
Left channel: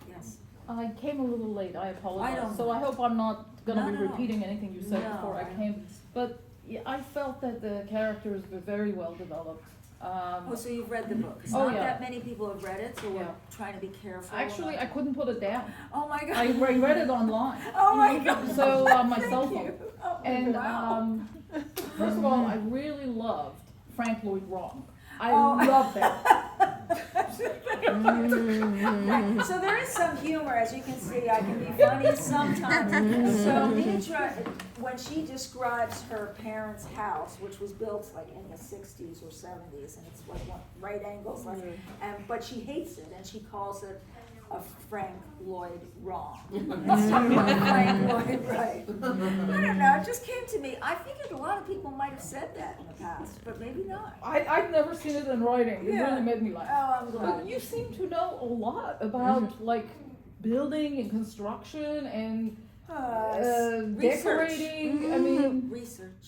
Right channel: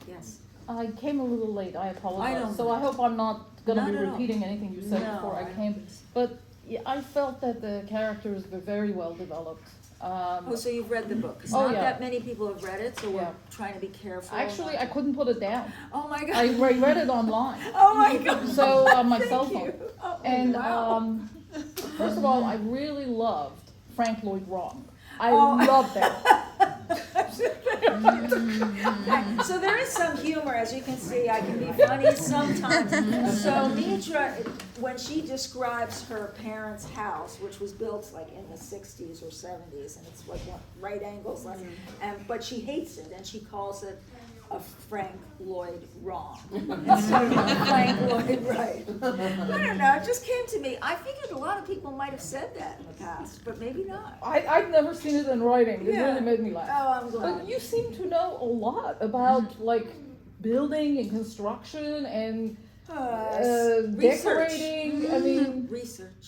Yes. I came a little late, I apologize. I don't So I hope I'm not gonna Not be at all. repeating anything you said No, before I I don't came. think so. But yeah, I felt that the characters were very well developed. Oh, so you've read the book? 'Cause Oh, not yeah. that many people have read it, so we're Yeah. trying to be careful. Actually, not I to- couldn't put it down. Oh my God. I read it online. Oh my God. So, on my Thank cell phone. you. Oh, And wow. first of all, I really loved Frank Lloyd Wrong. I Oh. loved that. So there is some humor, as you can see, I can be funny sometimes. So Mitra, when she describes her parents' house, which was built like in the 60s or 70s, and it's like right angles left, but she hates it, and she calls it a Frank Lloyd Wrong instead of a Frank Lloyd Right. I don't know, it just came to me. I figured a lot of people might have said that in the past, but maybe not. I've never seen it in writing. It Yeah. really made me laugh. Oh, I'm glad. But you seem to know a lot about like building and construction and Research. decorating. I mean, Research,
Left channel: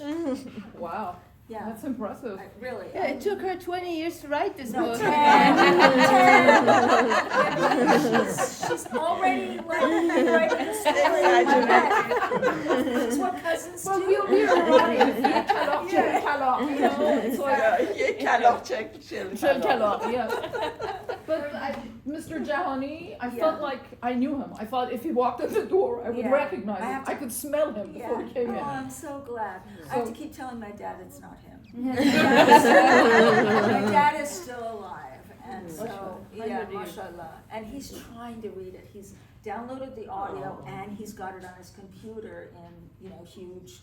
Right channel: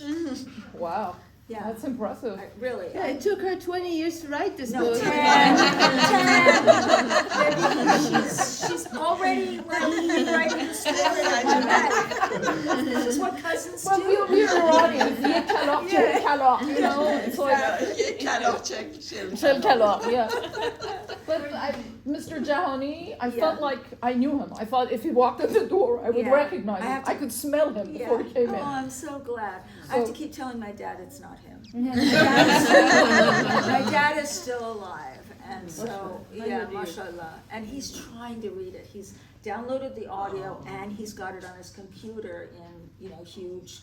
wow, yeah. that's impressive. Really. Yeah, it took her 20 years to write this No, book. 10. She's already writing the story in my head. This is what cousins Well, do. we're Iranian. We cannot check cannot, you know. It's like Shel cannot, yeah. But Mr. Jahani, I Yeah. felt like I knew him. I thought if he walked in the door, I would Yeah. recognize I him. have to- I could smell him Yeah. before he came Oh, in. I'm so glad. I have to So- keep telling my dad it's not him. Mhm. My dad is still alive, and so, Mashallah. yeah, How do you- mashallah. And he's trying to read it. He's downloaded the audio and he's got it on his computer in, huge,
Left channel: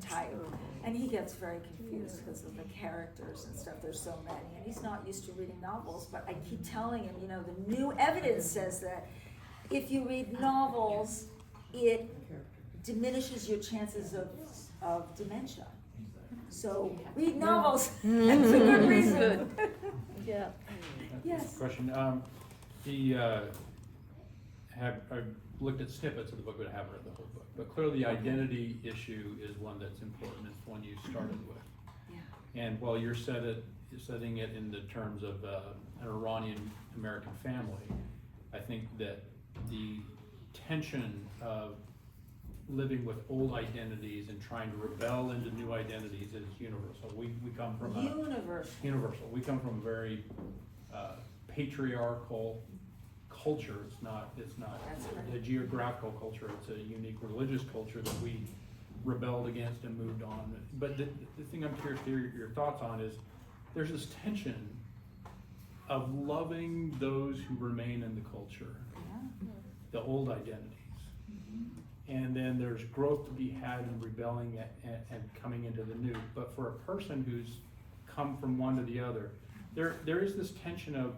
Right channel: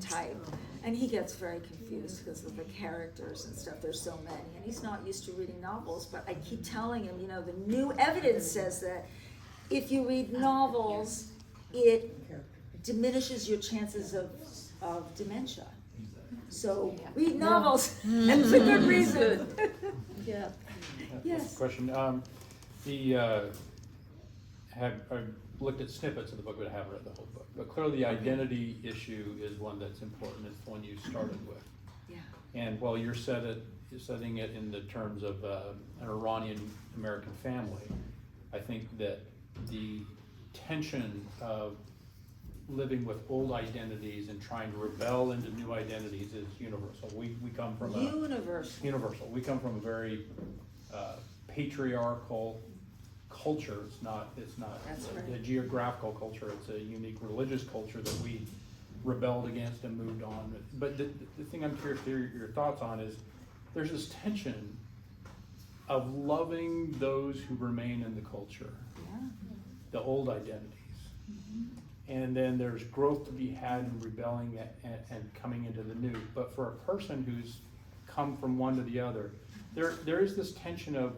type. And he gets very confused because of the characters and stuff. There's so many, and he's not used to reading novels. But I keep telling him, the new evidence says that if you read novels, it diminishes your chances of dementia. So read novels. That's a good reason. Good. Yeah. Yes. Question, I've looked at snippets of the book, but I haven't read the whole book. But clearly the identity issue is one that's important, it's the one you started with. Yeah. And while you're setting it in the terms of an Iranian-American family, I think that the tension of living with old identities and trying to rebel into new identities is universal. We come from universal. We come from a very patriarchal culture. It's not That's right. a geographical culture. It's a unique religious culture that we rebelled against and moved on. But the thing I'm curious to hear your thoughts on is there's this tension of loving those who remain in the culture, the old identities. And then there's growth to be had in rebelling and coming into the new. But for a person who's come from one to the other, there is this tension of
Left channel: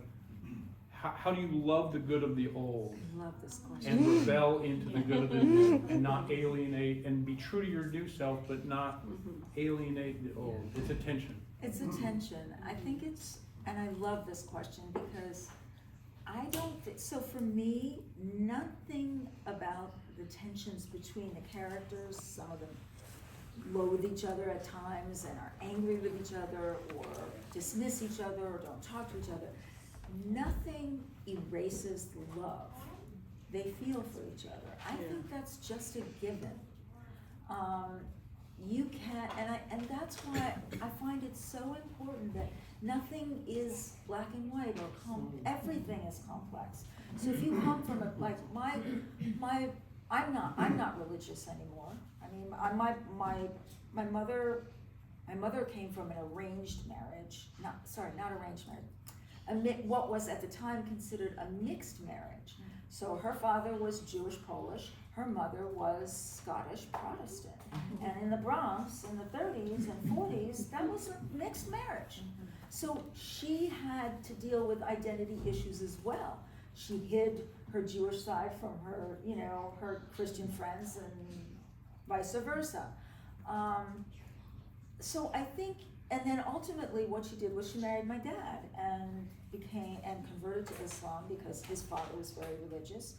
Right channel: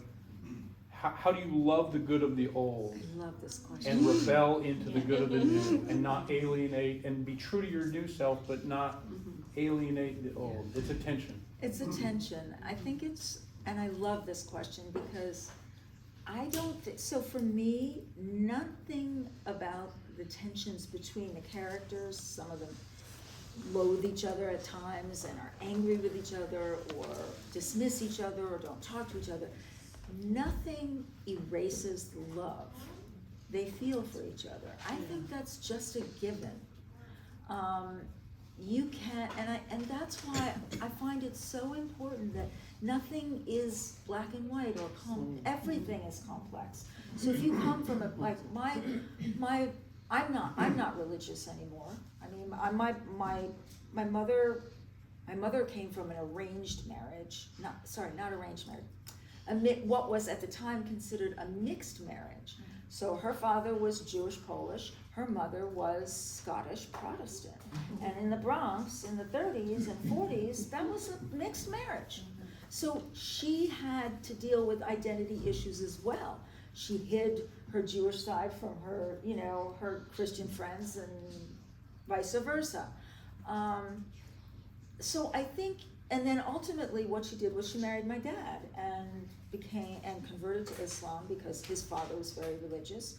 how do you love the good of the old I love this question. and rebel into the good of the new and not alienate and be true to your new self but not alienate the old. It's a tension. It's a tension. I think and I love this question because so for me, nothing about the tensions between the characters, some of them loathe each other at times and are angry with each other or dismiss each other or don't talk to each other. Nothing erases the love they feel for each other. I think that's just a given. You can't, and that's why I find it so important that nothing is black and white or everything is complex. So if you come from I'm not religious anymore. I mean, my mother came from an arranged marriage. Not arranged marriage. What was at the time considered a mixed marriage. So her father was Jewish Polish, her mother was Scottish Protestant. And in the Bronx, in the 30s and 40s, that was a mixed marriage. So she had to deal with identity issues as well. She hid her Jewish side from her, her Christian friends and vice versa. So I think, and then ultimately what she did was she married my dad and converted to Islam because his father was very religious,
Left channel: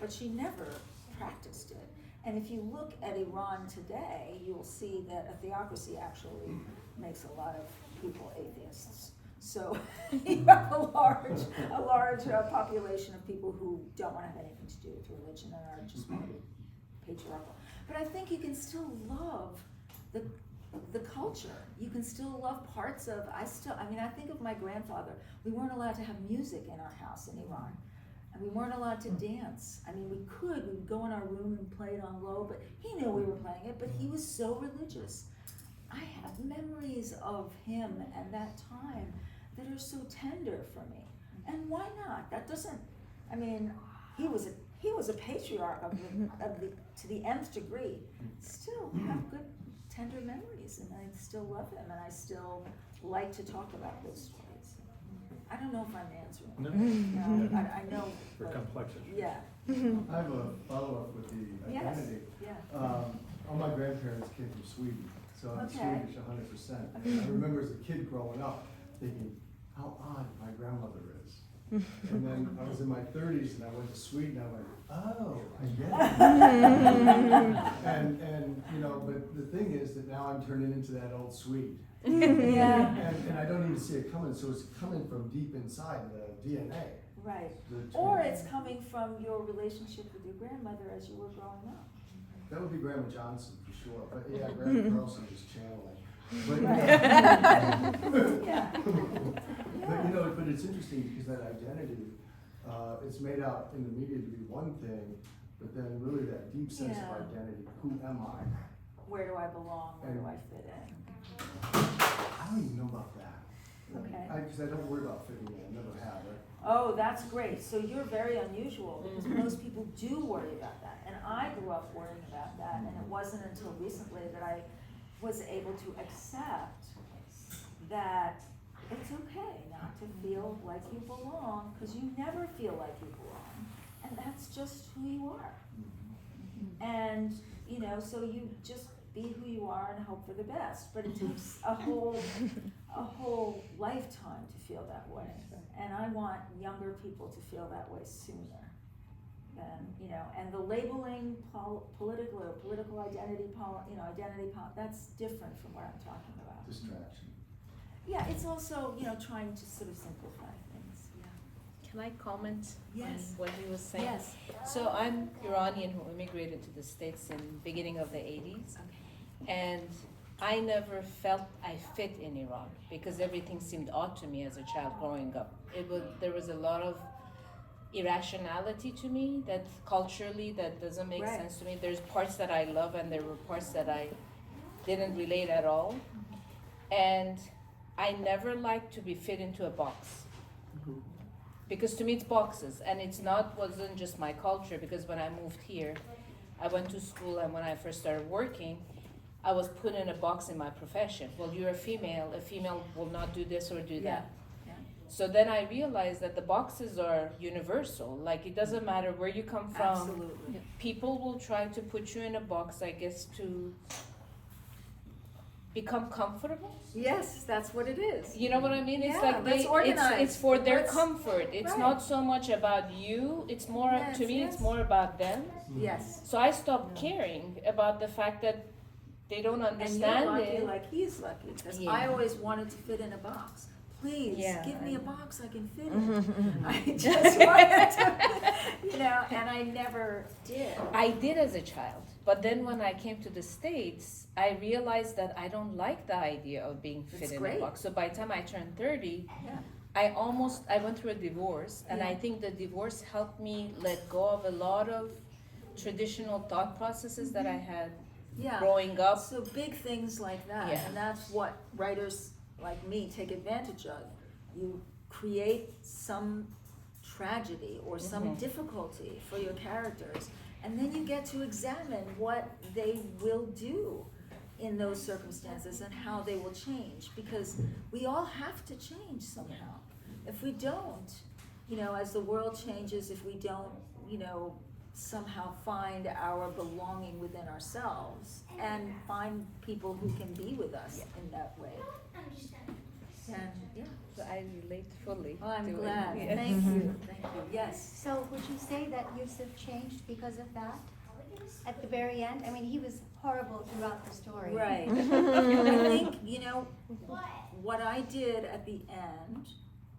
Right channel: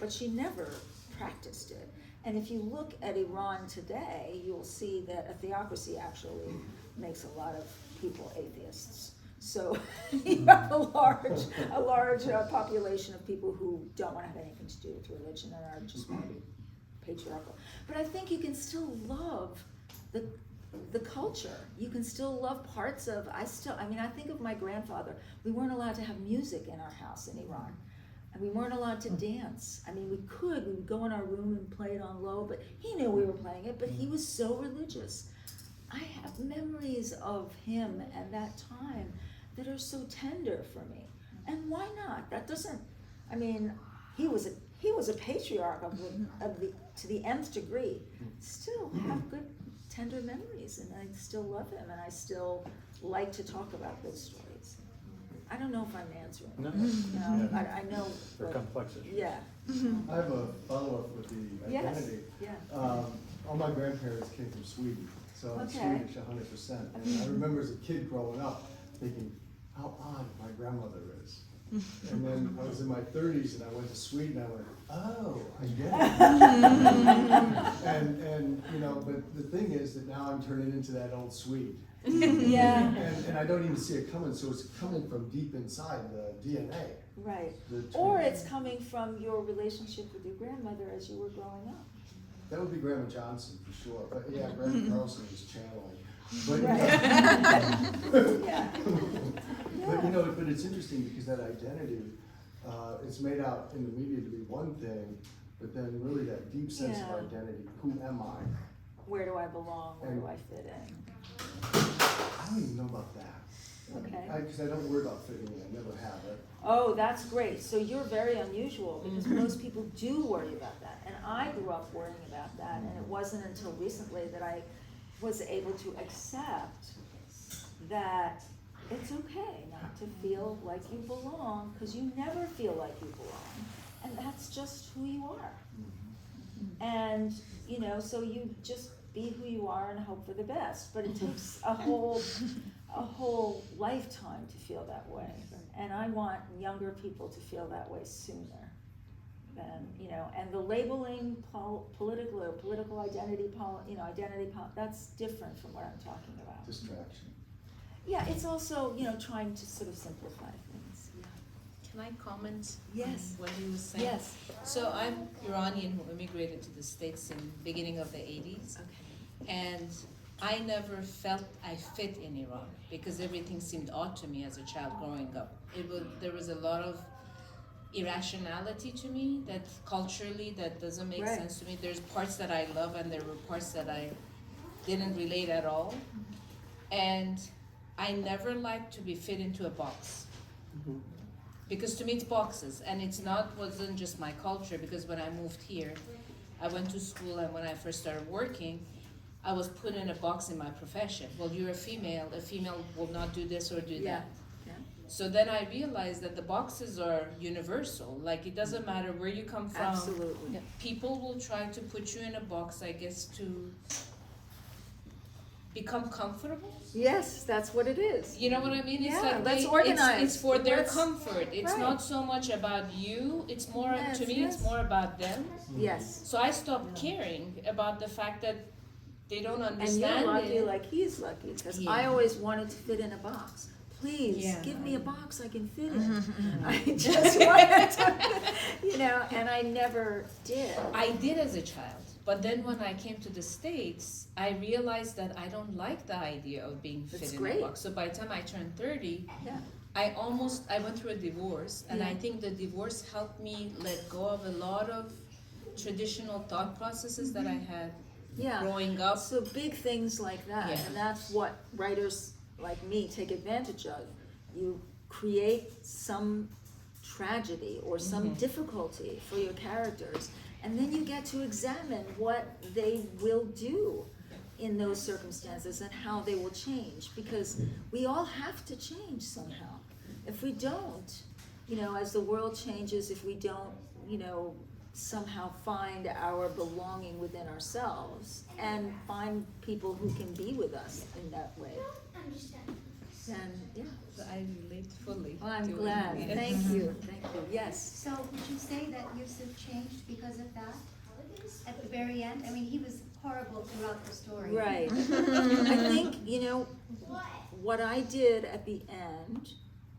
but she never practiced it. And if you look at Iran today, you'll see that a theocracy actually makes a lot of people atheists. So you have a large population of people who don't want to have anything to do with religion and are just want to be patriarchal. But I think you can still love the culture. You can still love parts of, I think of my grandfather. We weren't allowed to have music in our house in Iran. And we weren't allowed to dance. I mean, we would go in our room and play it on low, but he knew we were playing it, but he was so religious. I have memories of him and that time that are so tender for me. And why not? That doesn't, I mean, he was a patriarch to the nth degree. Still have good, tender memories, and I still love him, and I still like to talk about those stories. I don't know if I'm answering. No. I know. They're but- complex issues. Yeah. I have a follow-up with the Yes. identity. Yeah. All my grandparents came from Sweden, so I'm Okay. Swedish 100%. And I remember as a kid growing up thinking, how odd my grandmother is. And then I was in my 30s and I went to Sweden, I went, oh, I get it. and but the thing is that now I'm turning into that old Swede. Yeah. And I don't even see it coming, so it's coming from deep inside the DNA. Right. The Or twin- it's coming from your relationship with your grandmother as you were growing up. That would be Grandma Johnson for sure, but yeah, Grandma Carlson was channeling. But, Yeah. but it's interesting because that identity, it's made out in the media to be one thing, but then really that deep sense Yeah. of identity, who am I? Where do I belong? Where do I fit in? I don't even know about that. Okay. Because I don't worry about fitting in, I never have. Oh, that's great. So you're very unusual because most people do worry about that. And I grew up worrying about that, and it wasn't until recently that I was able to accept that it's okay not to feel like you belong, because you never feel like you belong. And that's just who you are. And, so you just be who you are and hope for the best. But it takes a whole lifetime to feel that way. And I want younger people to feel that way sooner. And the labeling political identity, that's different from what I'm talking about. Distraction. Yeah, it's also, trying to sort of simplify things, yeah. Can I comment Yes. on what he was saying? Yes. So I'm Iranian who immigrated to the States in the beginning of the 80s. Okay. And I never felt I fit in Iran because everything seemed odd to me as a child growing up. There was a lot of irrationality to me that culturally that doesn't make Right. sense to me. There's parts that I love and there were parts that I didn't relate at all. And I never liked to be fit into a box. Because to me it's boxes, and wasn't just my culture, because when I moved here, I went to school, and when I first started working, I was put in a box in my profession. Well, you're a female will not do this or do Yeah. that. Yeah. So then I realized that the boxes are universal. Like, it doesn't matter where you come from. Absolutely. People will try to put you in a box, I guess, to become comfortable. Yes, that's what it is. You know what I mean? It's Yeah, like let's it's organize. for their Let's- comfort. It's right. not so much about you. It's more Yes, to me. yes. It's more about them. Yes. So I stopped caring about the fact that they don't And understand you're lucky it. like he's lucky, because Yeah. I always wanted to fit in a box. Please, Yeah. give me a box I can fit in. I just wanted to, and I never did. I did as a child, but then when I came to the States, I realized that I don't like the idea of being fit It's in great. a box. So by the time I turned 30, Yeah. I went through a divorce, and Yeah. I think the divorce helped me let go of a lot of traditional thought processes that I had Yeah. growing up. So big things like that, Yeah. and that's what writers like me take advantage of. You create some tragedy or some difficulty for your characters, and then you get to examine what they will do in those circumstances and how they will change, because we all have to change somehow. If we don't, as the world changes, if we don't, somehow find our belonging within ourselves and find people who can be with us in that way, then, yeah. I relate fully. Oh, I'm to it. glad. Yes. Thank you. Yes. So would you say that Yusuf changed because of that? At the very end? I mean, he was horrible throughout the story. Right. I think, what I did at the end,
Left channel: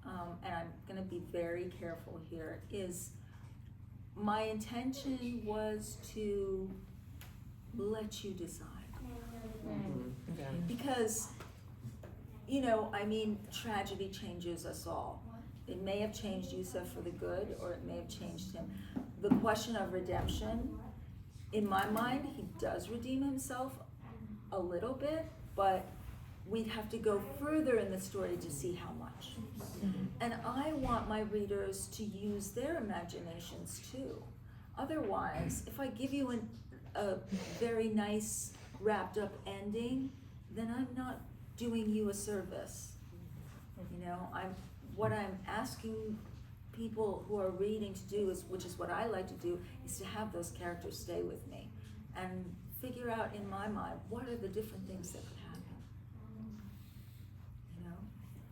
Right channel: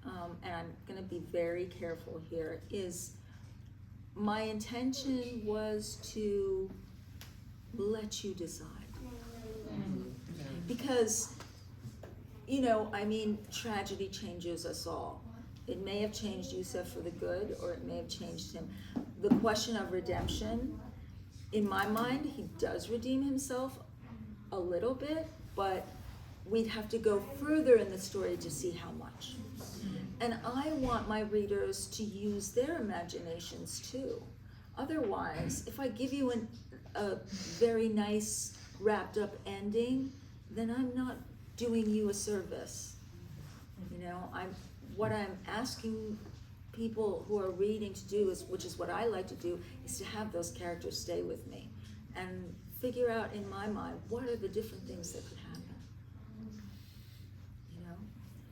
and I'm going to be very careful here, is my intention was to let you decide. because, you know, I mean, tragedy changes us all. It may have changed Yusuf for the good, or it may have changed him. The question of redemption, in my mind, he does redeem himself a little bit, but we'd have to go further in the story to see how much. And I want my readers to use their imaginations too. Otherwise, if I give you a very nice wrapped up ending, then I'm not doing you a service. You know, what I'm asking people who are reading to do is, which is what I like to do, is to have those characters stay with me and figure out in my mind what are the different things that could happen. You know?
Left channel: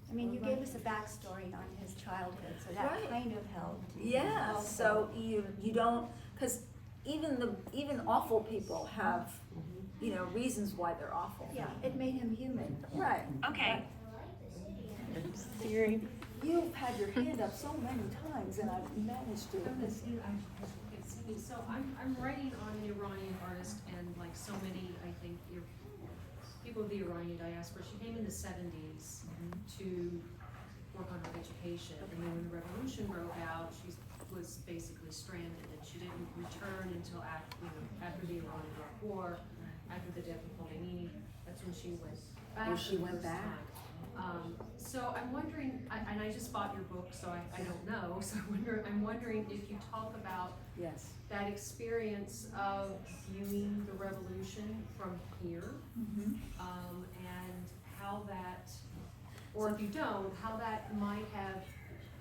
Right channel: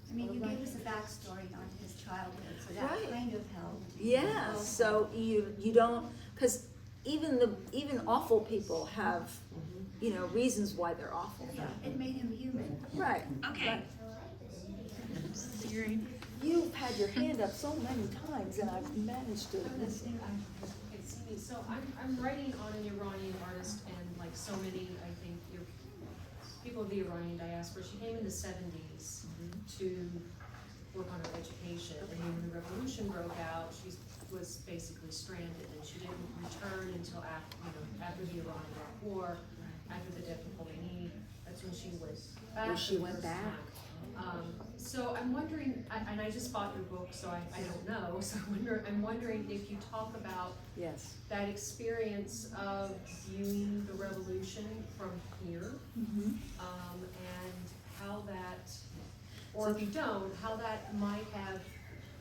I mean, you gave us a backstory on his childhood, so that Right. kind of helped. Yeah, Also. so you don't, because even awful people have, you know, reasons why they're awful. Yeah, it made him human. Right. Okay. Right. Siri. You've had your hand up so many times, and I've managed to miss it. So I'm writing on an Iranian artist, and like so many, I think, people of the Iranian diaspora, she came in the 70s to work on her education. And then when the revolution broke out, she was basically stranded, and she didn't return until after the Iran-Iraq War, after the death of Khomeini. That's when she was back. Well, she for the went first back. time. So I'm wondering, and I just bought your book, so I don't know. So I'm wondering if you talk about Yes. that experience of viewing the revolution from here, and how that, or if you don't, how that might have,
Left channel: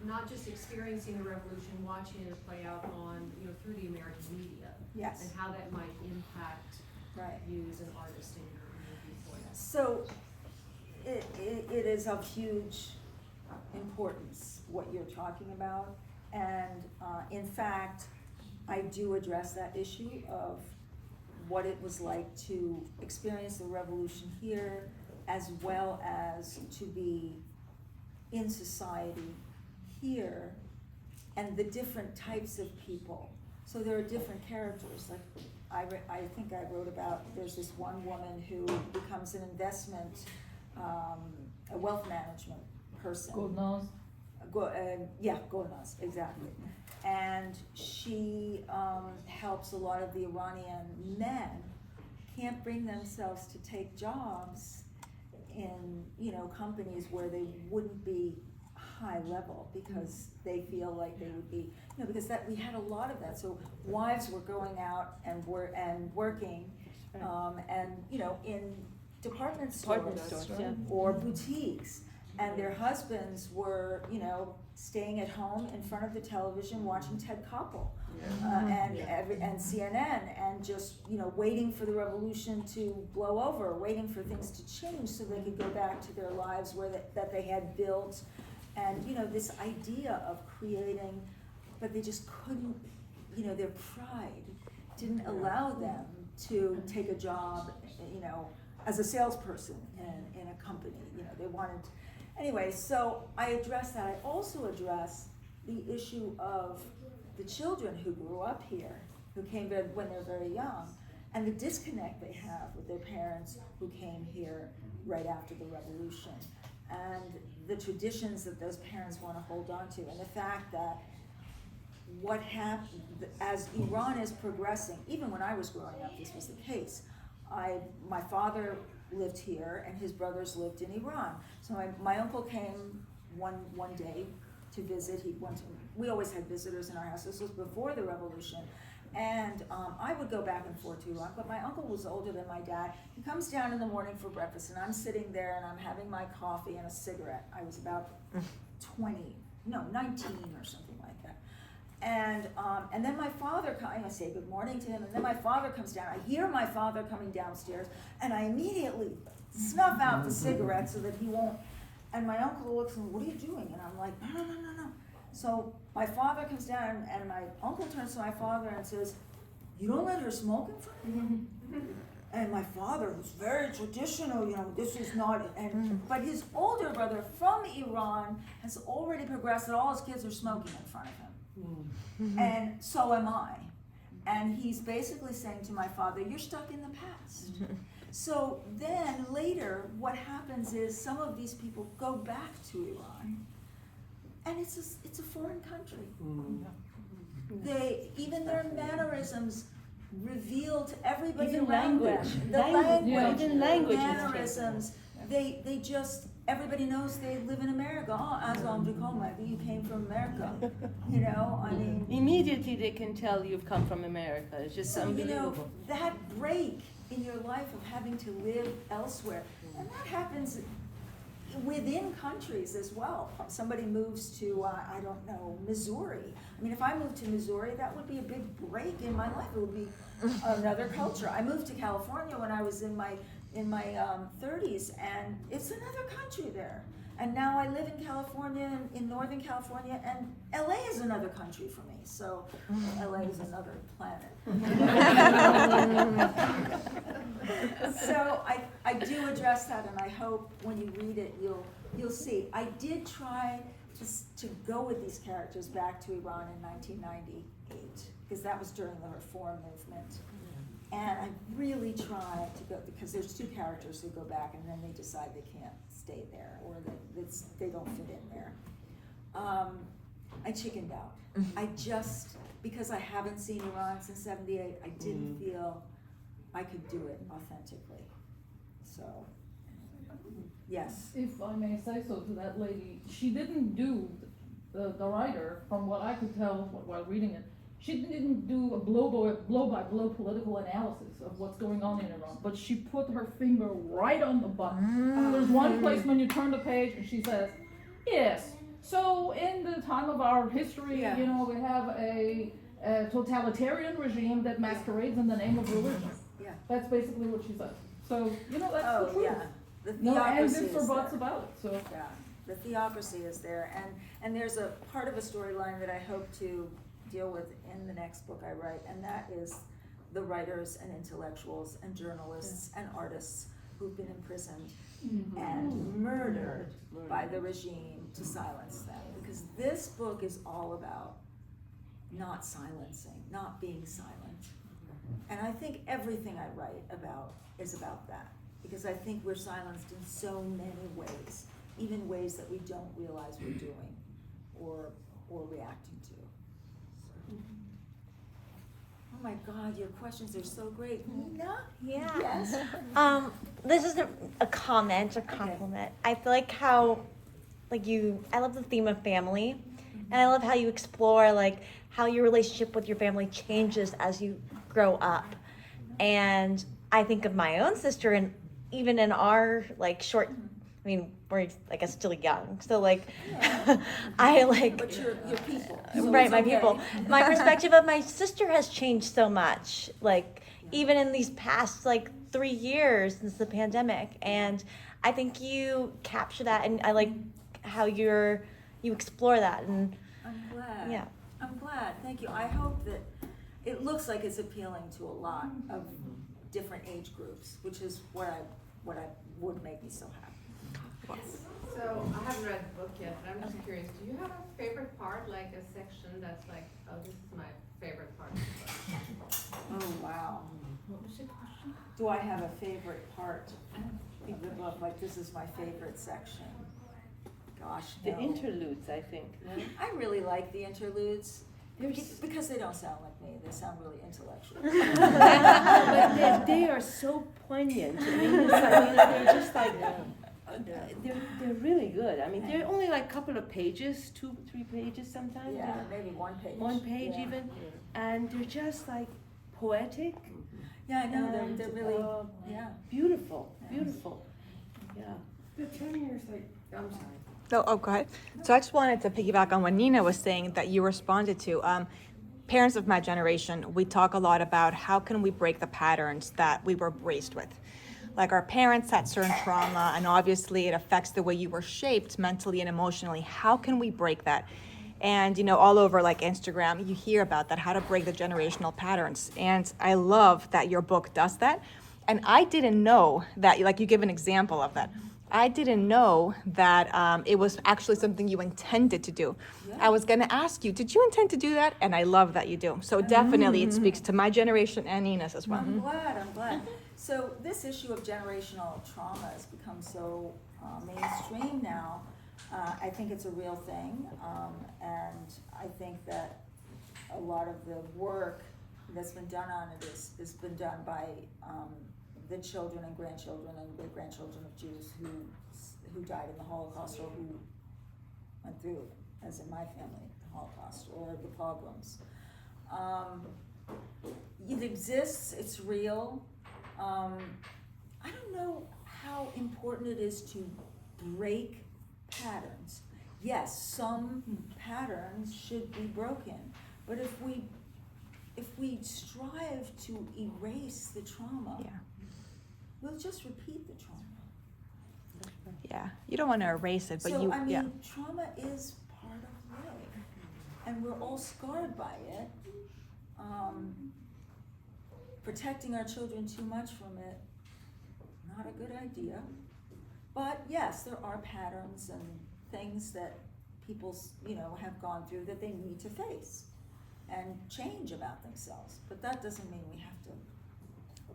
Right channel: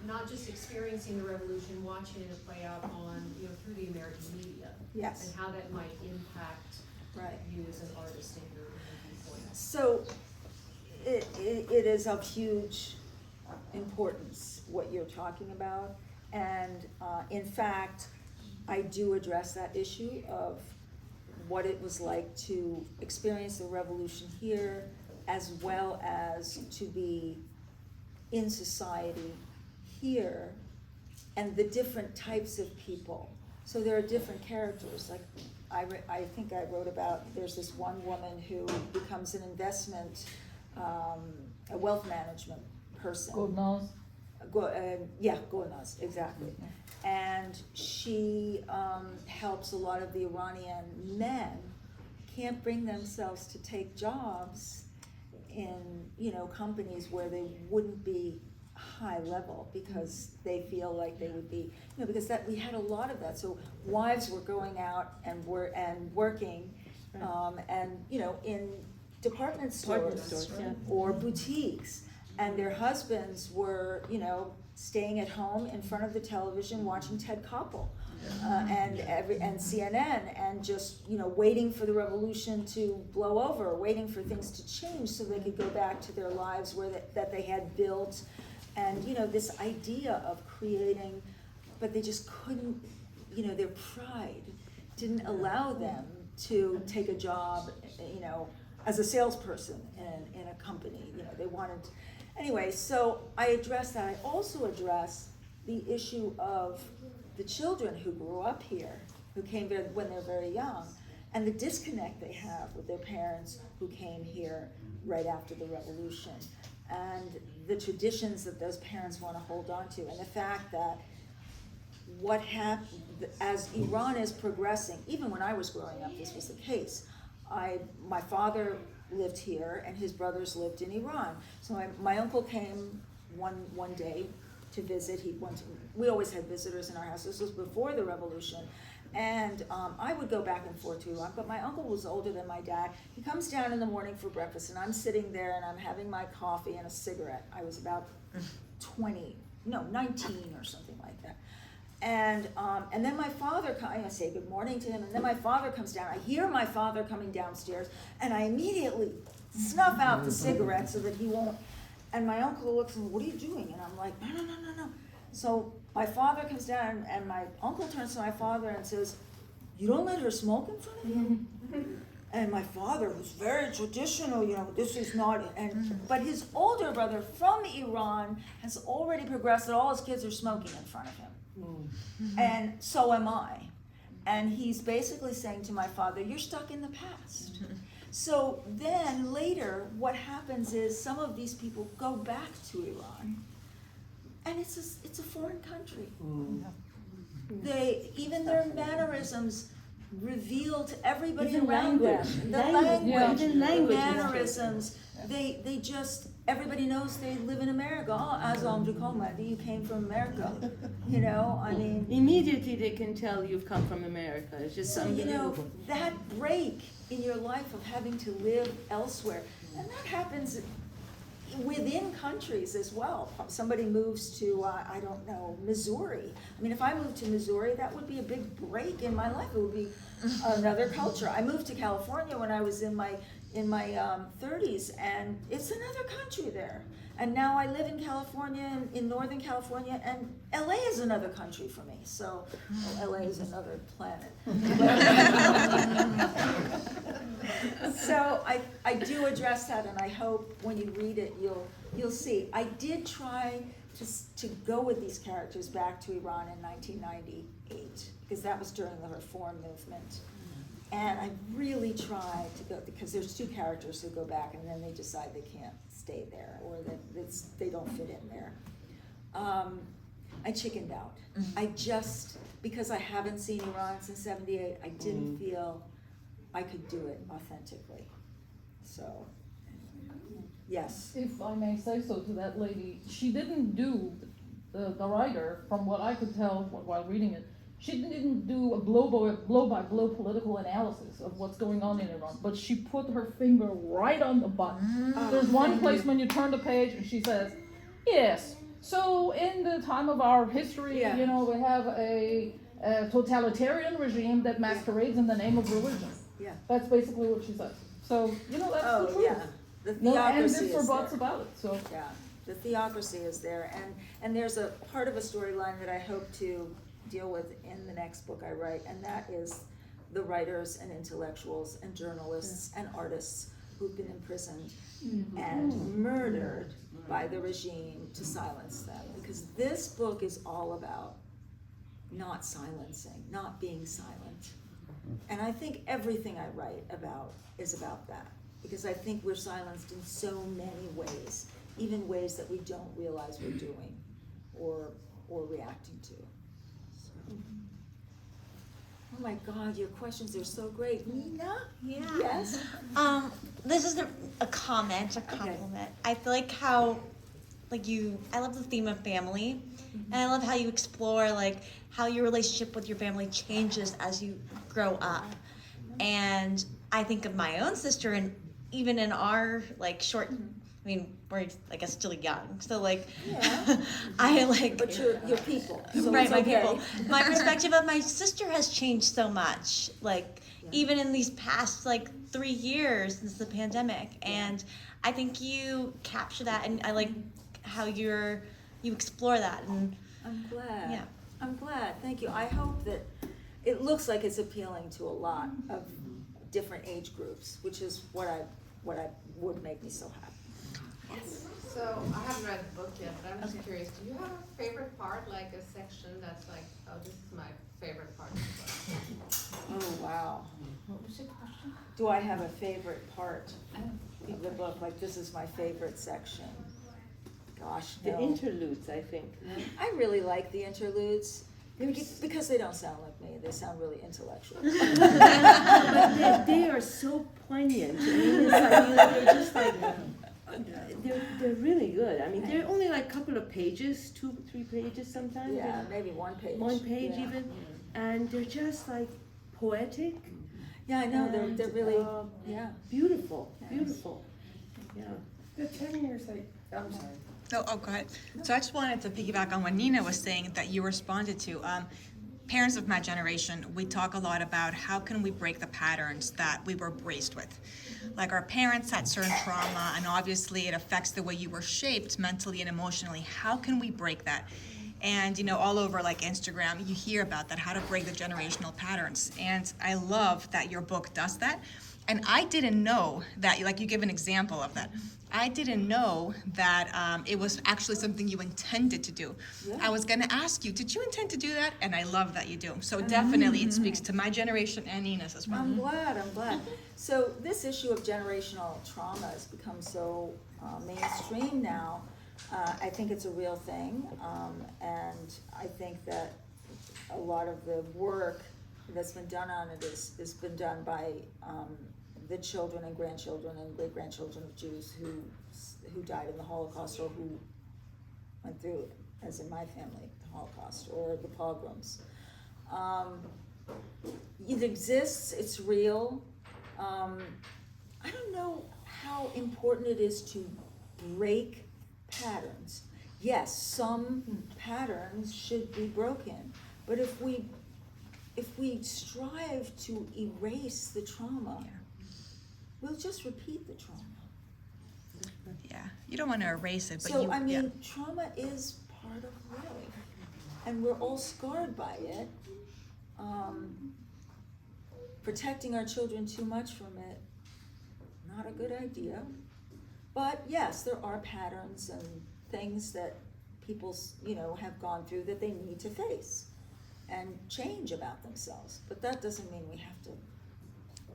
not just experiencing the revolution, watching it play out on, through the American media, Yes. and how that might impact Right. you as an artist and your viewpoint. So it is of huge importance what you're talking about, and in fact, I do address that issue of what it was like to experience the revolution here, as well as to be in society here, and the different types of people. So there are different characters. Like I think I wrote about, there's this one woman who becomes an investment, a wealth management person. Gulnaz. Gulnaz, exactly. And she helps a lot of the Iranian men can't bring themselves to take jobs in, companies where they wouldn't be high level, because they feel like they would be, because that we had a lot of that. So wives were going out and working, and in department stores, yeah. or boutiques, and their husbands were, staying at home in front of the television watching Ted Koppel, and CNN, and just waiting for the revolution to blow over, waiting for things to change so they could go back to their lives that they had built, and this idea of creating, but they just couldn't, their pride didn't allow them to take a job, as a salesperson in a company. They wanted. Anyway, so I address that. I also address the issue of the children who grew up here, who came there when they're very young, and the disconnect they have with their parents who came here right after the revolution, and the traditions that those parents want to hold on to, and the fact that what happened as Iran is progressing, even when I was growing up, this was the case. My father lived here, and his brothers lived in Iran. So my uncle came one day to visit. We always had visitors in our house. This was before the revolution. And I would go back and forth to Iran, but my uncle was older than my dad. He comes down in the morning for breakfast, and I'm sitting there, and I'm having my coffee and a cigarette. I was about 19 or something like that. And then my father I say good morning to him, and then my father comes down. I hear my father coming downstairs, and I immediately snuff out the cigarette so that he won't. And my uncle looks and, what are you doing? And I'm like, no. So my father comes down, and my uncle turns to my father and says, you don't let her smoke in front of you? And my father, who's very traditional, this is not, but his older brother from Iran has already progressed that all his kids are smoking in front of him. And so am I. And he's basically saying to my father, you're stuck in the past. So then later, what happens is some of these people go back to Iran, and it's a foreign country. Even their mannerisms reveal to everybody Even around language. them. The Language, language, even language the is mannerisms, they just, everybody knows they live in America. Oh, Azam Dukomadi, you came from America. You know, I mean. Immediately they can tell you've come from America. It's just So, you know, unbelievable. that break in your life of having to live elsewhere, and that happens within countries as well. Somebody moves to, I don't know, Missouri. I mean, if I moved to Missouri, that would be a big break in my life. It would be another culture. I moved to California when I was in my 30s, and it's another country there. And now I live in California, in Northern California, and LA is another country for me. So, well, LA is another planet. So I do address that, and I hope when you read it, you'll see. I did try to go with these characters back to Iran in 1998, because that was during the reform movement. And I really tried to go, because there's two characters who go back and then they decide they can't stay there, or they don't fit in there. I chickened out. I just, because I haven't seen Iran since '78, I didn't feel I could do it authentically. So, yes. If I may say so to that lady, she didn't do, the writer, from what I could tell while reading it, she didn't do a blow-by-blow political analysis of what's going on in Iran, but she put her finger right on the button. There's one place when you turn the page and she says, yes, so in the time of our history, you know, we have a totalitarian regime that masquerades in the name of religion. Yeah. That's basically what she says. So, you know, that's the truth. Yeah. The No ands theocracy or is buts there. about it, so. Yeah, the theocracy is there, and there's a part of a storyline that I hope to deal with in the next book I write, and that is the writers and intellectuals and journalists and artists who've been imprisoned and murdered by the regime to silence them. Because this book is all about not silencing, not being silent. And I think everything I write about is about that. Because I think we're silenced in so many ways, even ways that we don't realize we're doing or reacting to. So. Oh my God, your questions are so great. Nina? Yeah. Yes? This isn't a comment, a compliment. I feel like how, I love the theme of family, and I love how you explore, how your relationship with your family changes as you grow up. And I think of my own sister, and even in our, short, I mean, we're, I guess, still young, so, Yeah. But your people. So right, it's my okay. people. My perspective of my sister has changed so much, even in these past, 3 years since the pandemic. And I think you capture that, and I like how you explore that. And I'm glad. Yeah. I'm glad. Thank you. I hope that it looks like it's appealing to a lot of different age groups, which is what would make me so happy. Yes. So I haven't read the book yet, but I'm just curious. Do you have a favorite part, like a section that's like, oh, this is my favorite part? Oh wow. Do I have a favorite part in the book? Like, this is my favorite section. Gosh, no. The interludes, I think. No? I really like the interludes because they don't sound like me. They sound really intellectual. But they are so poignant. I mean, it's they're just they're really good. I mean, they're only a couple of pages, 2-3 pages sometimes. Yeah, maybe one page. One page even, and they're just poetic. Yeah, I know. They're really beautiful, beautiful. Yeah. The 10 years, I'm sorry. Oh, go ahead. So I just wanted to piggyback on what Nina was saying that you responded to. Parents of my generation, we talk a lot about how can we break the patterns that we were raised with. Like, our parents had certain trauma, and obviously it affects the way you were shaped mentally and emotionally. How can we break that? And, all over Instagram, you hear about that, how to break the generational patterns. And I love that your book does that. And I didn't know that, you give an example of that. I didn't know that it was actually something you intended to do. Yeah. I was gonna ask you, did you intend to do that? And I love that you do. So definitely it speaks to my generation and Nina's as well. I'm glad. So this issue of generational trauma has become so mainstream now. I think it's a real thing, and I think that a lot of the work that's been done on it has been done by the children and grandchildren and great-grandchildren of Jews who died in the Holocaust or who went through, as in my family, the Holocaust or the pogroms. It exists, it's real. I don't know how important it is to break patterns. Yes, some patterns should be broken, but if we strive to erase the trauma, we'll just repeat the trauma. Yeah, you don't want to erase it, but So, you. I mean, yeah. trauma is part of life, and we're all scarred by it. Protecting our children too much from it, not a good idea. But yes, there are patterns and things that people, have gone through that they need to face and change about themselves. But that doesn't mean we have to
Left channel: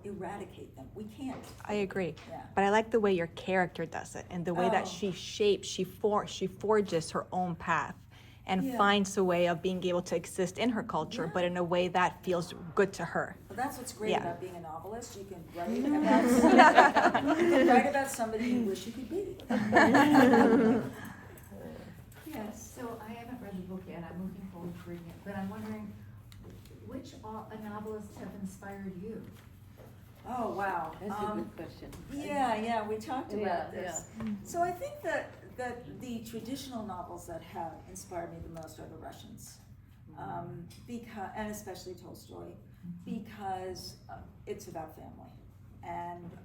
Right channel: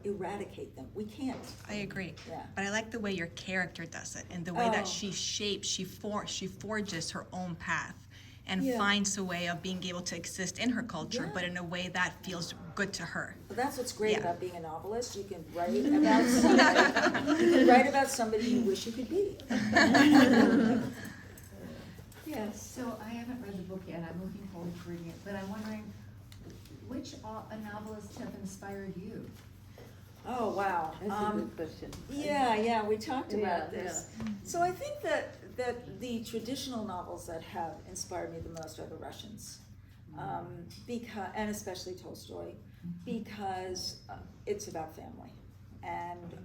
eradicate them. We can't. I agree. Yeah. But I like the way your character does it and the way that Oh. she shapes, she forges her own path and Yeah. finds a way of being able to exist in her culture, but in a way that feels good to her. Well, that's what's great Yeah. about being a novelist. You can write about somebody. You can write about somebody you wish you could be. Yes. So I haven't read the book yet, I'm looking forward to reading it, but I'm wondering, which novelists have inspired you? Oh, wow. That's a good question. Yeah, we talked about Yeah, this. So I think that the traditional novels that have inspired me the most are the Russians, and especially Tolstoy, because it's about family, and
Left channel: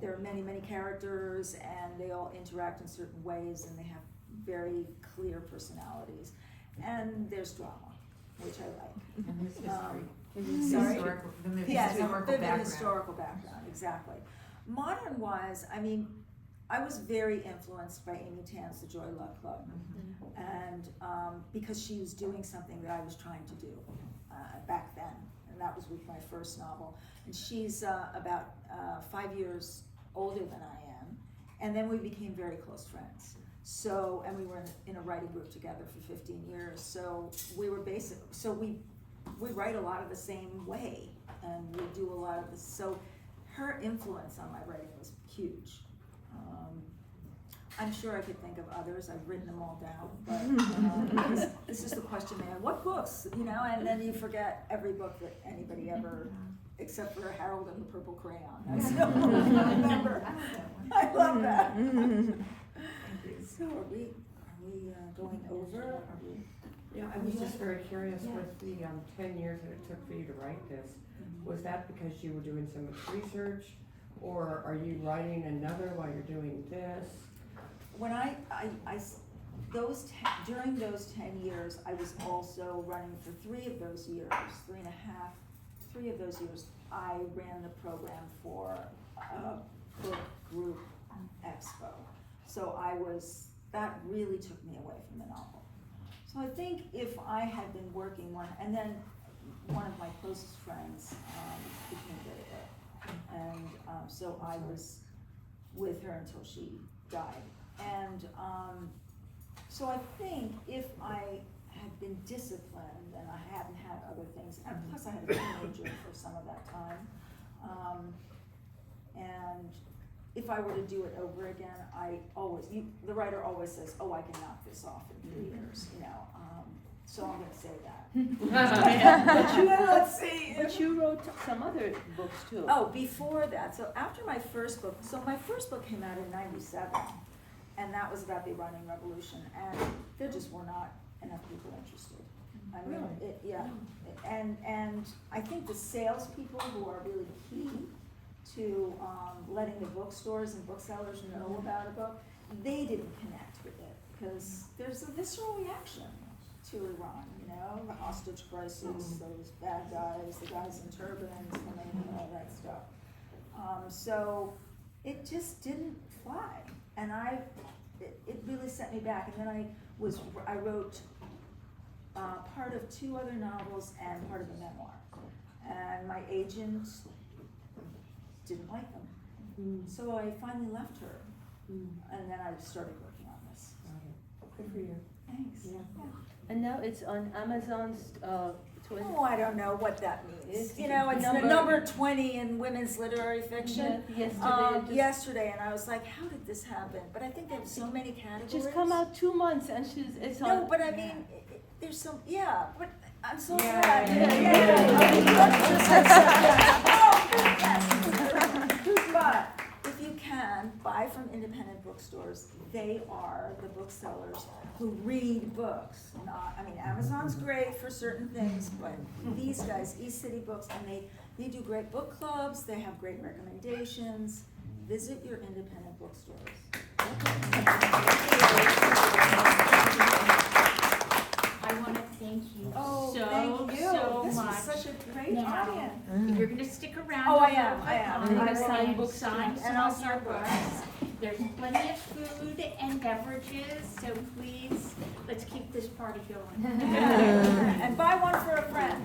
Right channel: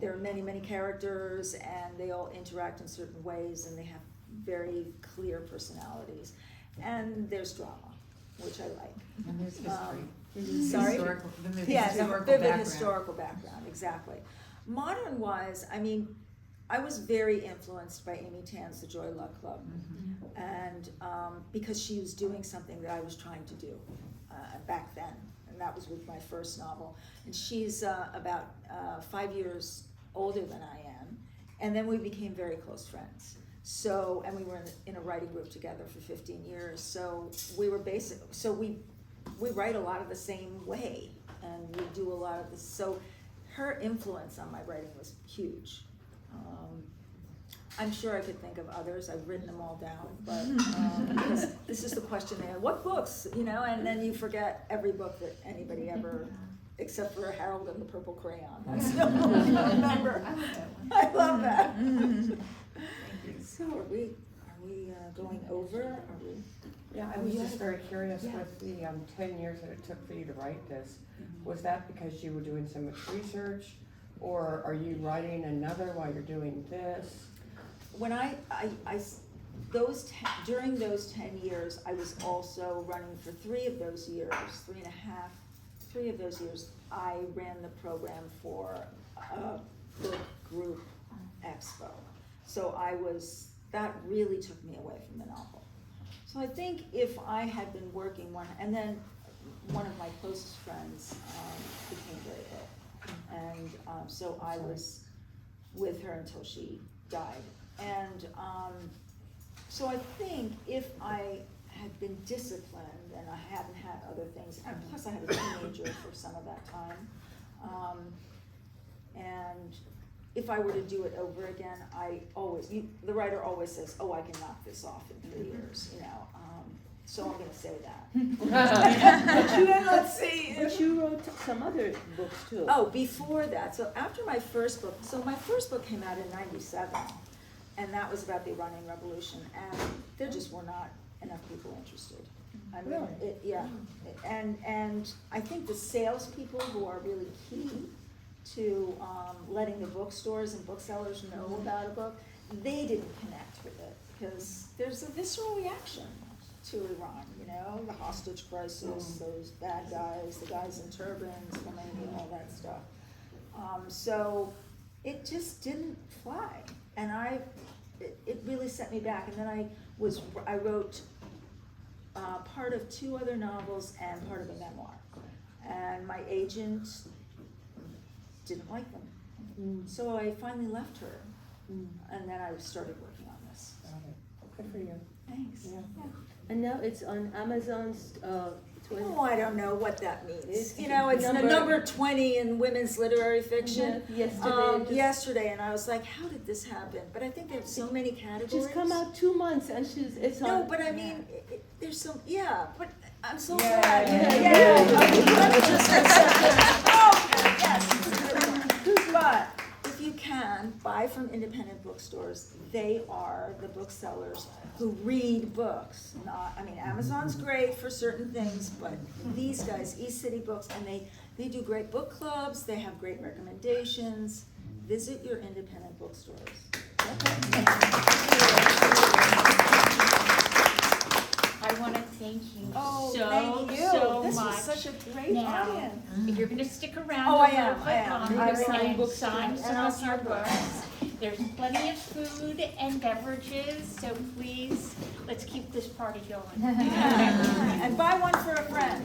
there are many, many characters, and they all interact in certain ways, and they have very clear personalities, and there's drama, which I like. And there's history. Sorry? Historical- Yeah, historical vivid background. historical background, exactly. Modern-wise, I mean, I was very influenced by Amy Tan's The Joy Luck Club, and because she was doing something that I was trying to do back then, and that was with my first novel. And she's about 5 years older than I am, and then we became very close friends. So, and we were in a writing group together for 15 years. So we were we write a lot of the same way, and we do a lot of this. So her influence on my writing was huge. I'm sure I could think of others. I've written them all down, but because it's just a question, man. What books, And then you forget every book that anybody ever, except for Harold and the Purple Crayon. That's the only one I remember. I love that. So are we going over? Are we? Yeah, I was just very curious with the 10 years that it took for you to write this. Was that because you were doing so much research, or are you writing another while you're doing this? When during those 10 years, I was also running for 3 of those years, 3 of those years, I ran the program for a book group expo. So that really took me away from the novel. So I think if I had been working and then one of my closest friends became very ill. And so I was with her until she died. And so I think if I had been disciplined and I hadn't had other things, and plus I had a teenager for some of that time, and if I were to do it over again, the writer always says, "Oh, I can knock this off in 3 years," So I'm going to say that. Let's see. But you wrote some other books too. Oh, before that. So after my first book, my first book came out in '97, and that was about the Iranian Revolution, and there just were not enough people interested. I mean, and I think the salespeople who are really key to letting the bookstores and booksellers know about a book, they didn't connect with it because there's a visceral reaction to Iran, the hostage crisis, those bad guys, the guys in turbans, all that stuff. So it just didn't fly, and it really set me back. And then I wrote part of 2 other novels and part of a memoir, and my agent didn't like them. So I finally left her, and then I started working on this. Good for you. Thanks. Yeah. And now it's on Amazon's, 20. Oh, I don't know what that means. It's You know, it's the number- number 20 in women's literary fiction. Yeah, yesterday, just- Yesterday, and I was like, how did this happen? But I think they have so many categories. She's come out 2 months and it's on. No, but I mean, there's some, yeah, but I'm so Yeah, glad. yeah. Let me just have something. Oh, yes. But if you can, buy from independent bookstores. They are the booksellers who read books. Not, I mean, Amazon's great for certain things, but these guys, East City Books, and they do great book clubs. They have great recommendations. Visit your independent bookstores. I want to thank you Oh, so, thank you. so This much. was such a great Now, audience. if you're gonna stick around. Oh, a I little am, bit I am. longer I and will. sign And some I'll of your sign books. books. There's plenty of food and beverages, so please, let's keep this party going. And buy one for a friend.